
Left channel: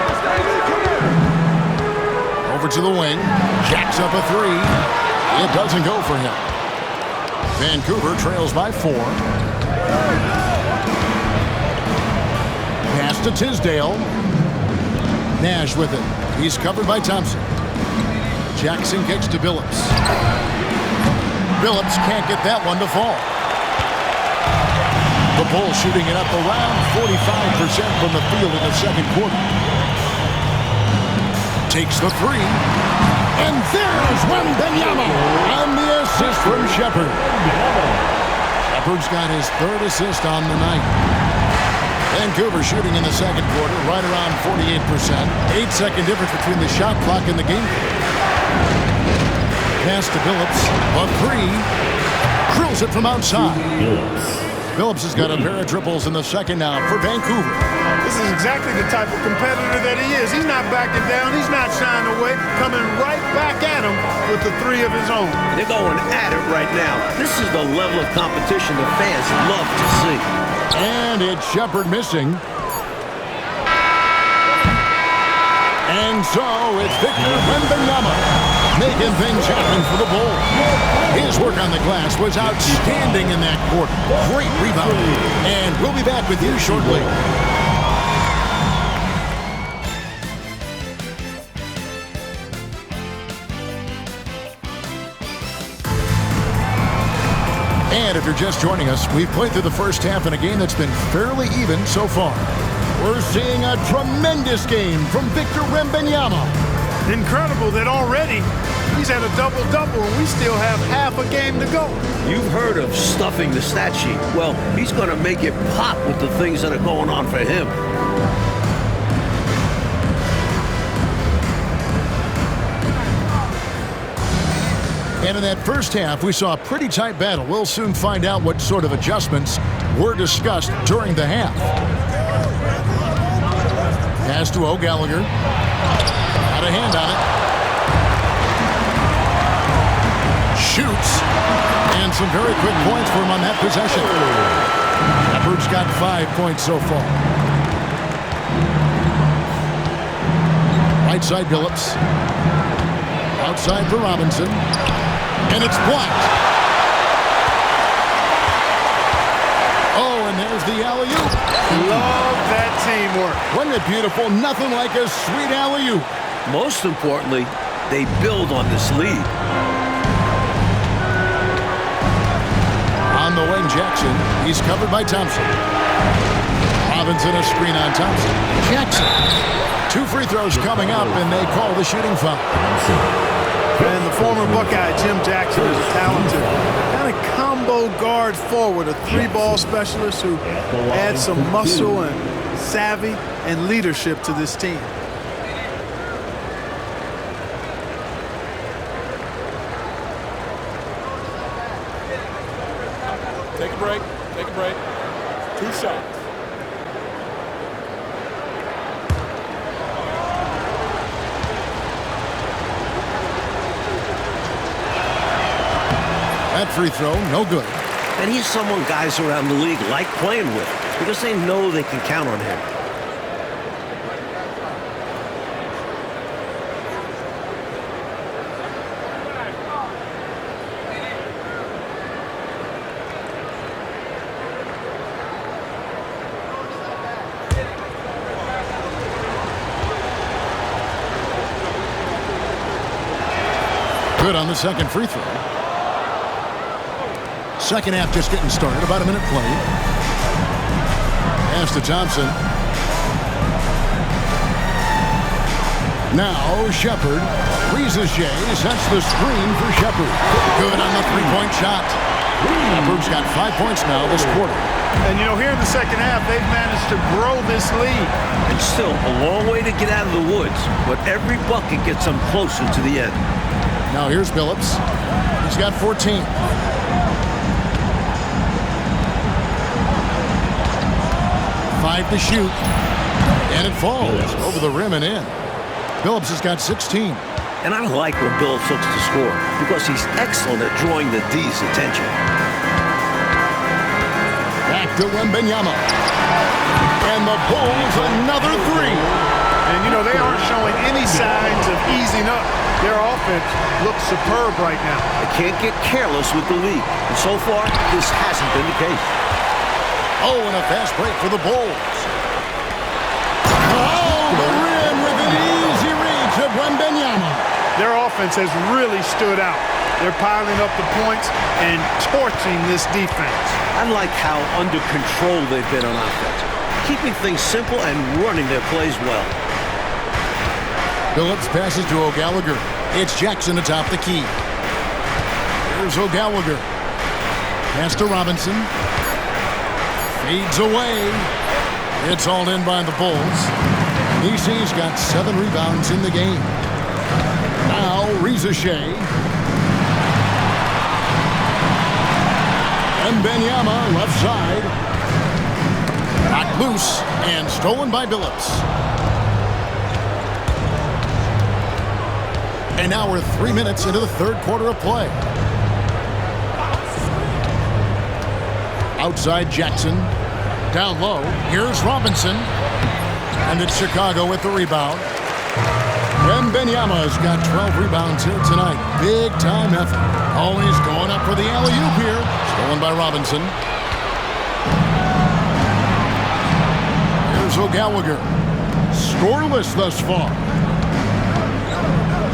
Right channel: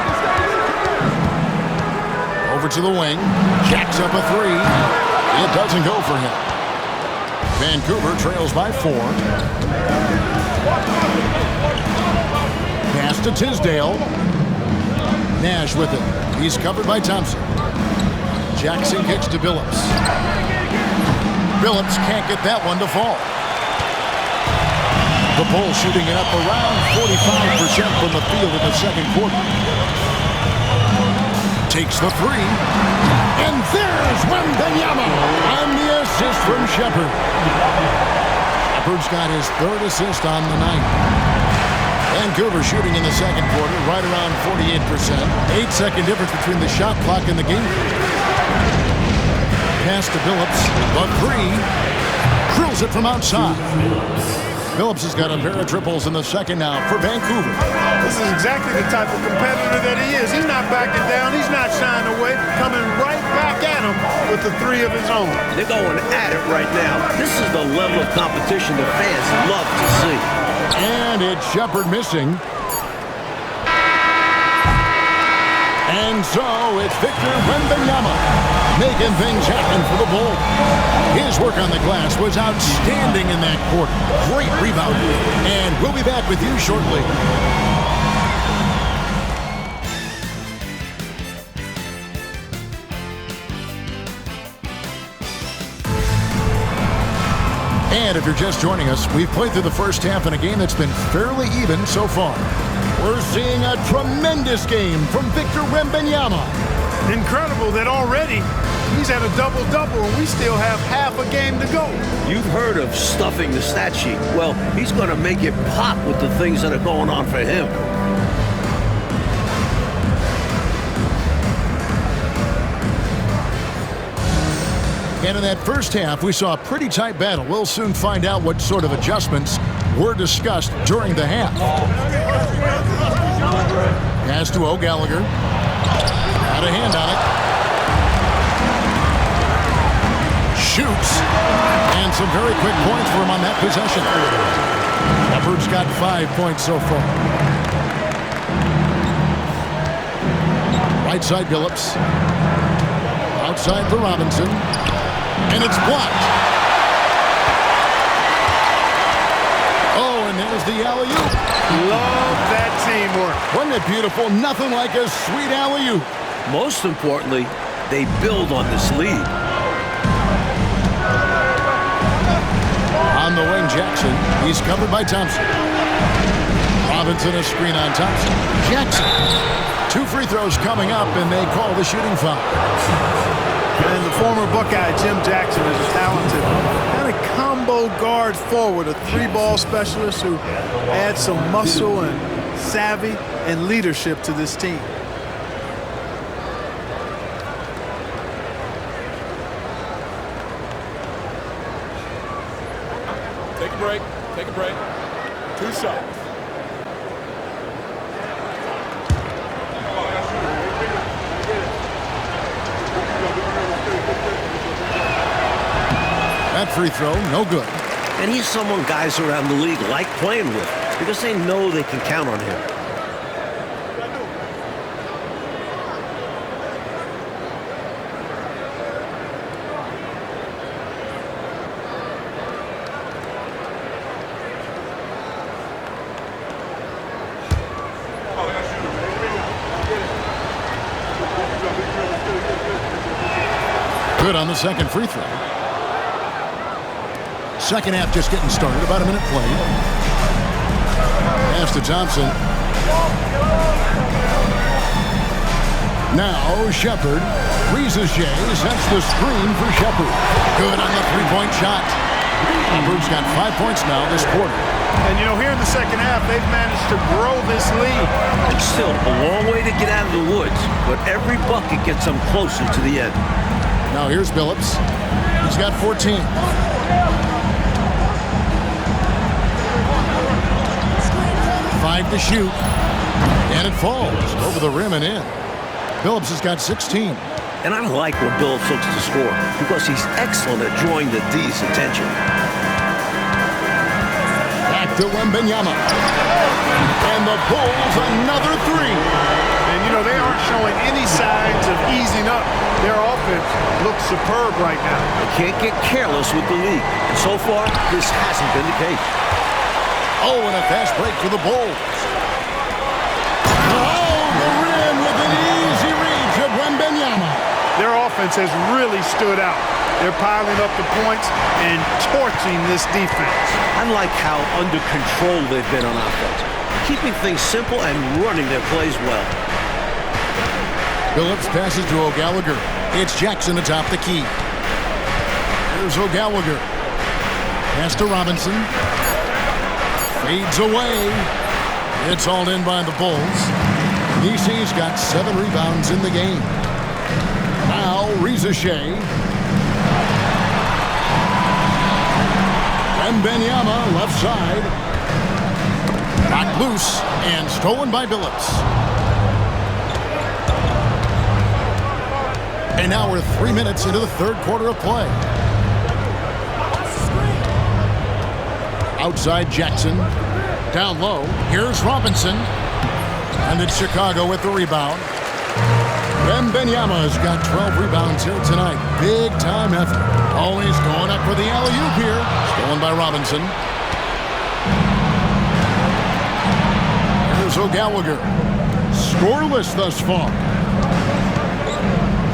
Over to the wing. Jacks up a 3. It doesn't go for him. Vancouver trails by 4. Pass to Tisdale. Nash with it. He's covered by Thompson. Jackson kicks to Phillips. Phillips can't get that one to fall. The Bulls shooting it up around 45% from the field in the second quarter. Takes the 3. And there's Wembanyama on the assist from Shepard. Shepard's got his 3rd assist on the night. Vancouver shooting in the second quarter right around 48%. 8-second difference between the shot clock and the game. Pass to Phillips. The 3. Drills it from outside. Phillips has got a pair of triples in the second now for Vancouver. This is exactly the type of competitor that he is. He's not backing down. He's not shying away. Coming right back at him with the 3 of his own. They're going at it right now. This is the level of competition the fans love to see. And it's Shepard missing. And so it's Victor Wembanyama making things happen for the Bulls. His work on the glass was outstanding in that quarter. Great rebounding. And we'll be back with you shortly. And if you're just joining us, we've played through the first half in a game that's been fairly even so far. We're seeing a tremendous game from Victor Wembanyama. Incredible that already he's had a double-double and we still have half a game to go. You've heard of stuffing the stat sheet. Well, he's going to make it pop with the things that are going on for him. And in that first half, we saw a pretty tight battle. We'll soon find out what sort of adjustments were discussed during the half. Pass to O'Gallagher. Got a hand on it. Shoots. And some very quick points for him on that possession. Shepard's got 5 points so far. Right side, Phillips. Outside for Robinson. And it's blocked. Oh, and there's the alley-oop. Love that teamwork. Wasn't it beautiful? Nothing like a sweet alley-oop. Most importantly, they build on this lead. On the wing, Jackson. He's covered by Thompson. Robinson a screen on Thompson. Jackson. 2 free throws coming up, and they call the shooting foul. And the former Buckeye, Jim Jackson, is a talented kind of combo guard forward, a 3-ball specialist who adds some muscle and savvy and leadership to this team. Take a break. Take a break. 2 shots. That free throw, no good. And he's someone guys around the league like playing with because they know they can count on him. Good on the second free throw. Second half just getting started. About a minute played. Pass to Thompson. Now Shepard. Rizachet sets the screen for Shepard. Good on the three-point shot. Shepard's got 5 points now this quarter. And, you know, here in the second half, they've managed to grow this lead. It's still a long way to get out of the woods, but every bucket gets them closer to the end. Now here's Billups. He's got 14. Five to shoot. And it falls over the rim and in. Billups has got 16. And I like when Billups looks to score because he's excellent at drawing the D's attention. Back to Wembenyama. And the Bulls another three. And, you know, they aren't showing any signs of easing up. Their offense looks superb right now. They can't get careless with the lead. And so far, this hasn't been the case. Oh, and a fast break for the Bulls. Oh, the rim with an easy reach of Wembenyama. Their offense has really stood out. They're piling up the points and torching this defense. I like how under control they've been on offense, keeping things simple and running their plays well. Billups passes to O'Gallagher. It's Jackson atop the key. Here's O'Gallagher. Pass to Robinson. Fades away. It's all in by the Bulls. EC's got 7 rebounds in the game. Now Rizachet. Wembenyama left side. Knocked loose and stolen by Billups. And now we're 3 minutes into the third quarter of play. Outside Jackson. Down low. Here's Robinson. And it's Chicago with the rebound. Wembenyama's got 12 rebounds here tonight. Big time effort. Oh, he's going up for the alley-oop here. Stolen by Robinson. Here's O'Gallagher. Scoreless thus far.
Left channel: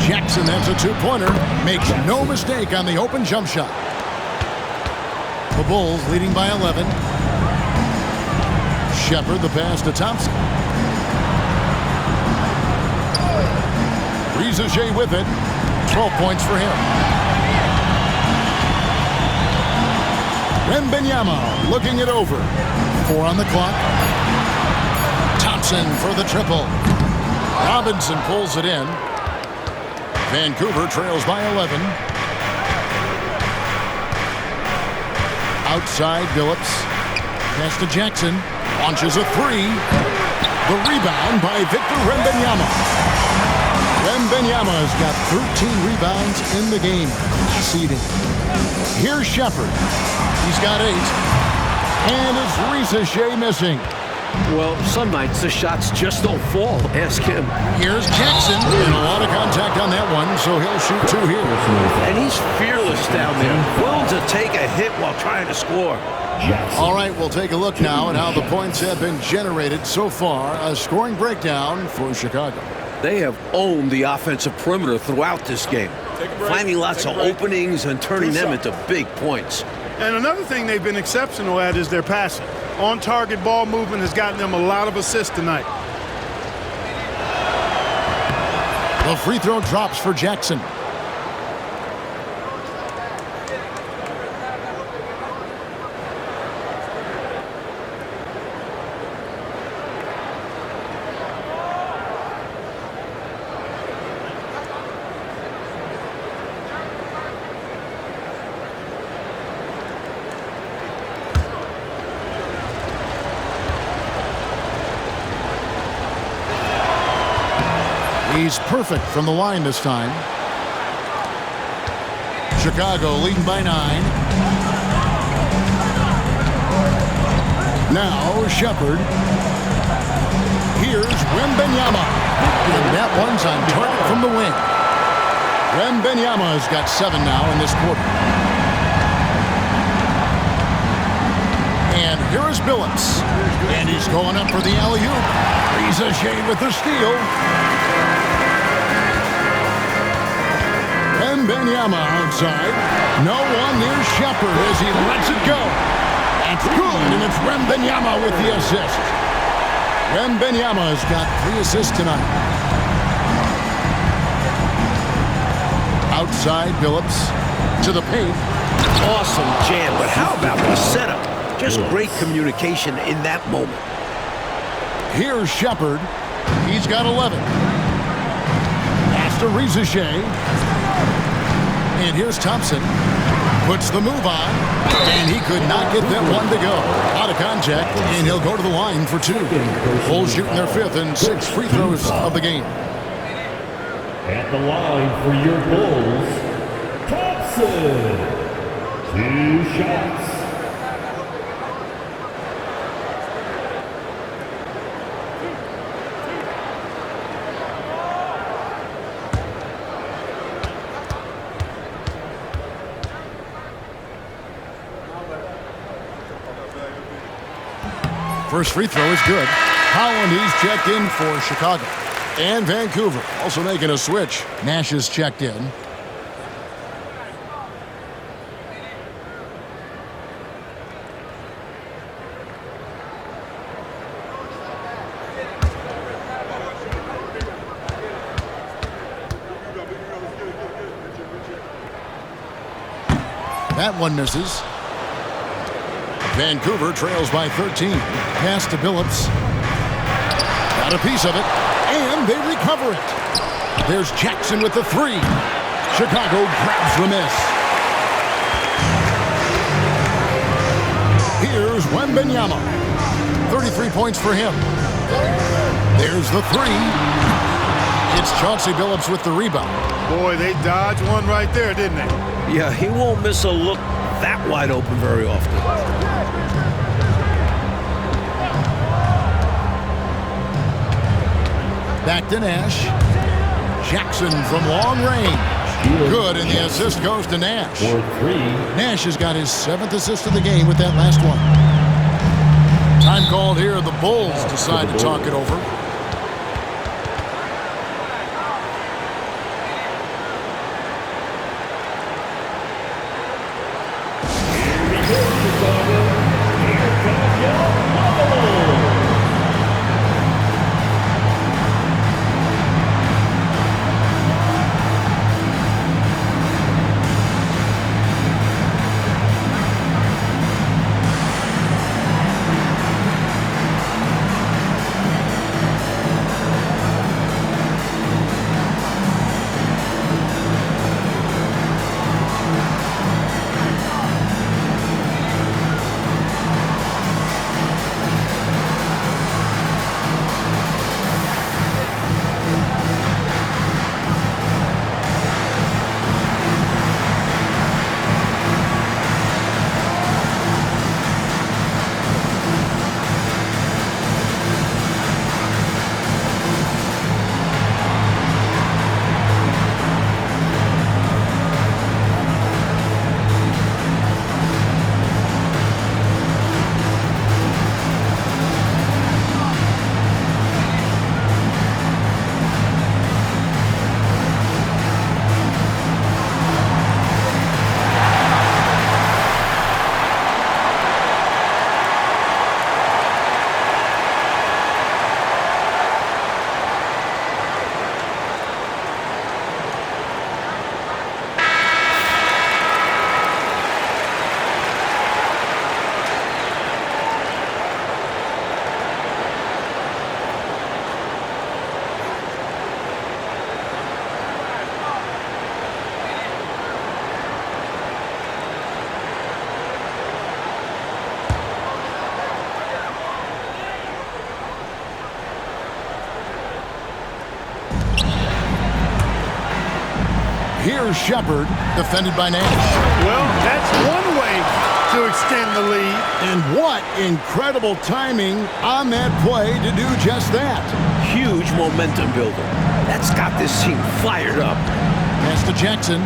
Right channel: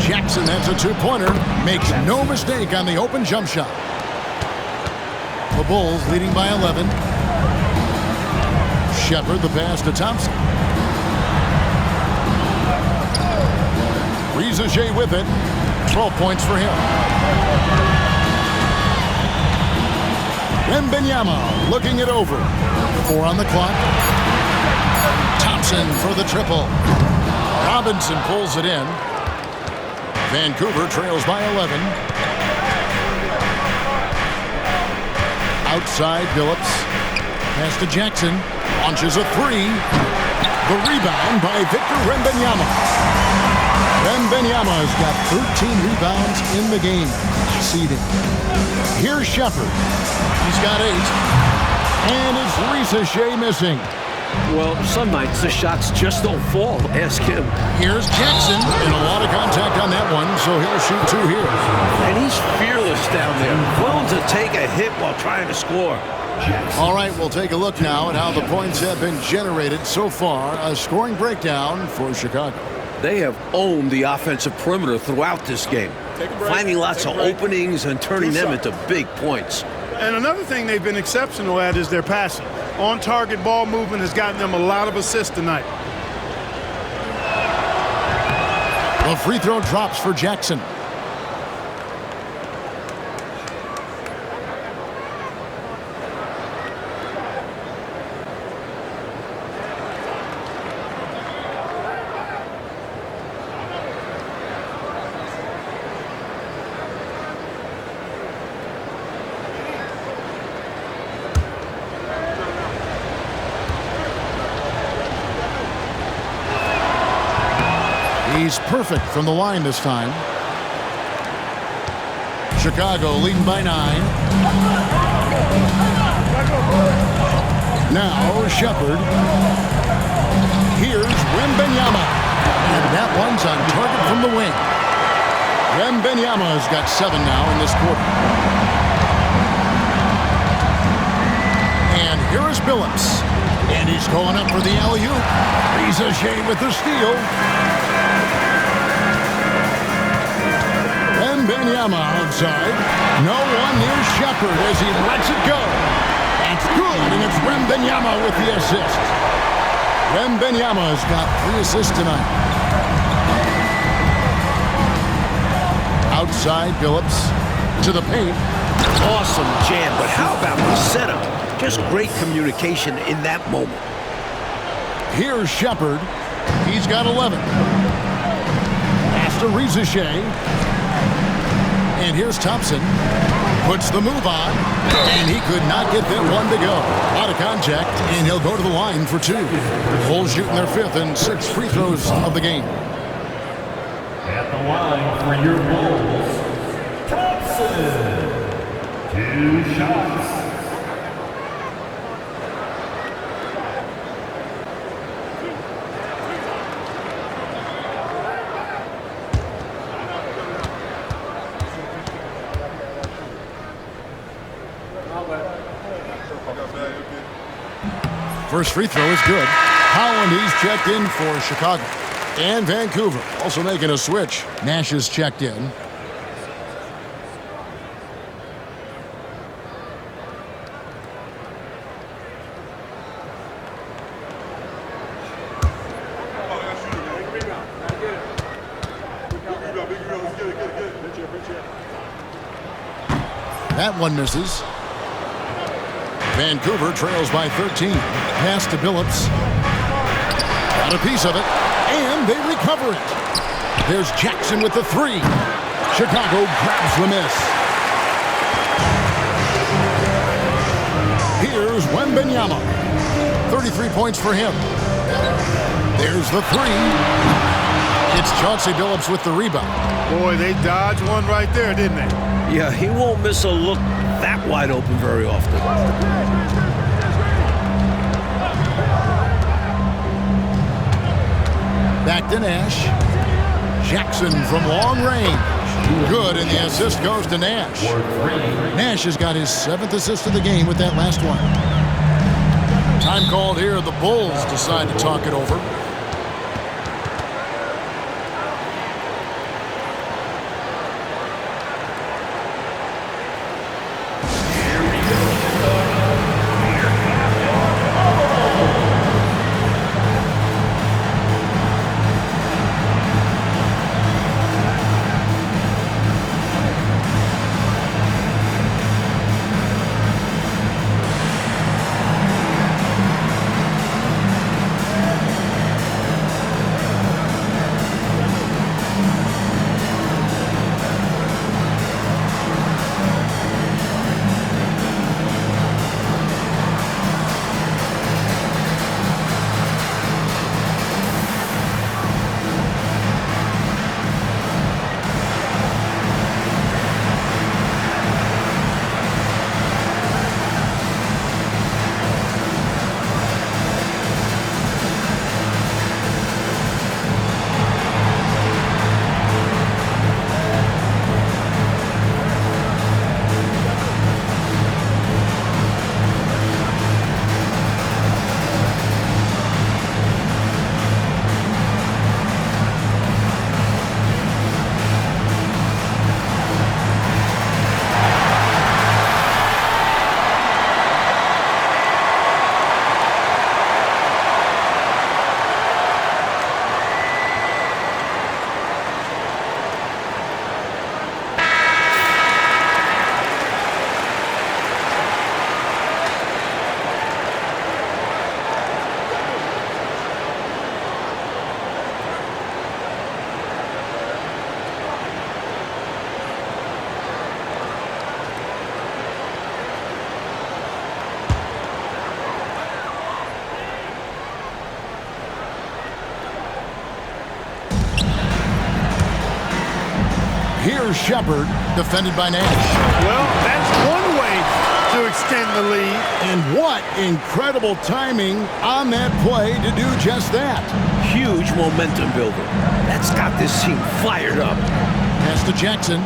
Jackson, that's a two-pointer. Makes no mistake on the open jump shot. The Bulls leading by 11. Shepard, the pass to Thompson. Rizachet with it. 12 points for him. Wembenyama looking it over. 4 on the clock. Thompson for the triple. Robinson pulls it in. Vancouver trails by 11. Outside Billups. Pass to Jackson. Launches a three. The rebound by Victor Wembanyama. Wembenyama's got 13 rebounds in the game. Seeding. Here's Shepard. He's got 8. And it's Rizachet missing. Well, some nights the shots just don't fall. Ask him. Here's Jackson. And a lot of contact on that one, so he'll shoot 2 here. And he's fearless down there. Willing to take a hit while trying to score. All right, we'll take a look now at how the points have been generated so far. A scoring breakdown for Chicago. They have owned the offensive perimeter throughout this game, finding lots of openings and turning them into big points. And another thing they've been exceptional at is their passing. On-target ball movement has gotten them a lot of assists tonight. The free throw drops for Jackson. He's perfect from the line this time. Chicago leading by 9. Now Shepard. Here's Wembenyama. And that one's on target from the wing. Wembenyama's got 7 now in this quarter. And here is Billups. And he's going up for the alley-oop. Rizachet with the steal. Wembenyama outside. No one near Shepard as he lets it go. That's good, and it's Wembenyama with the assist. Wembenyama has got 3 assists tonight. Outside, Billups to the paint. Awesome jam, but how about the setup? Just great communication in that moment. Here's Shepard. He's got 11. Pass to Rizichet. And here's Thompson. Puts the move on. And he could not get that one to go. Out of contact, and he'll go to the line for 2. Bulls shooting their 5th and 6th free throws of the game. At the line for your Bulls, Thompson. 2 shots. First free throw is good. Holland, he's checked in for Chicago. And Vancouver also making a switch. Nash is checked in. That one misses. Vancouver trails by 13. Pass to Billups. Got a piece of it. And they recover it. There's Jackson with the 3. Chicago grabs the miss. Here's Wembenyama. 33 points for him. There's the 3. It's Chauncey Billups with the rebound. Boy, they dodged one right there, didn't they? Yeah, he won't miss a look that wide open very often. Back to Nash. Jackson from long range. Good, and the assist goes to Nash. Nash has got his 7th assist of the game with that last one. Time called here. The Bulls decide to talk it over. Here's Shepard, defended by Nash. Well, that's one way to extend the lead. And what incredible timing on that play to do just that. Huge momentum builder. That's got this team fired up. Pass to Jackson.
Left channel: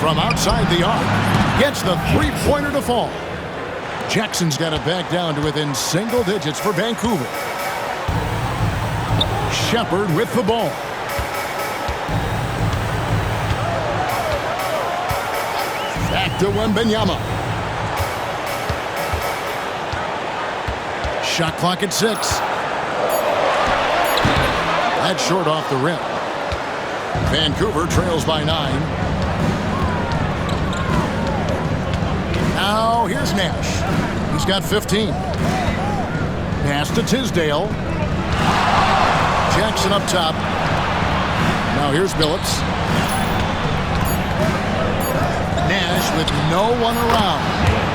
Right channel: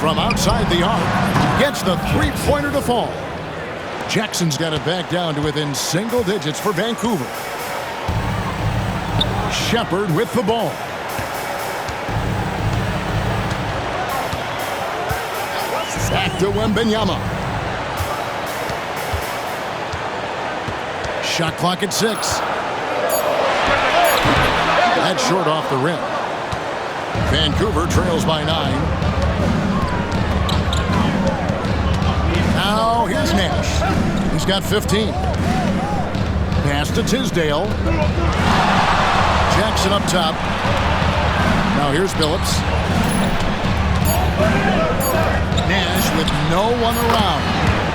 From outside the arc, gets the three-pointer to fall. Jackson's got it back down to within single digits for Vancouver. Shepard with the ball. Back to Wembenyama. Shot clock at 6. That's short off the rim. Vancouver trails by 9. Now here's Nash. He's got 15. Pass to Tisdale. Jackson up top. Now here's Billups. Nash with no one around.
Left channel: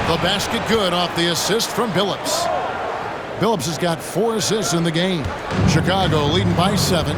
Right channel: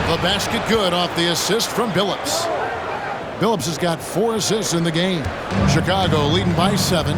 The basket good off the assist from Billups. Billups has got 4 assists in the game. Chicago leading by 7.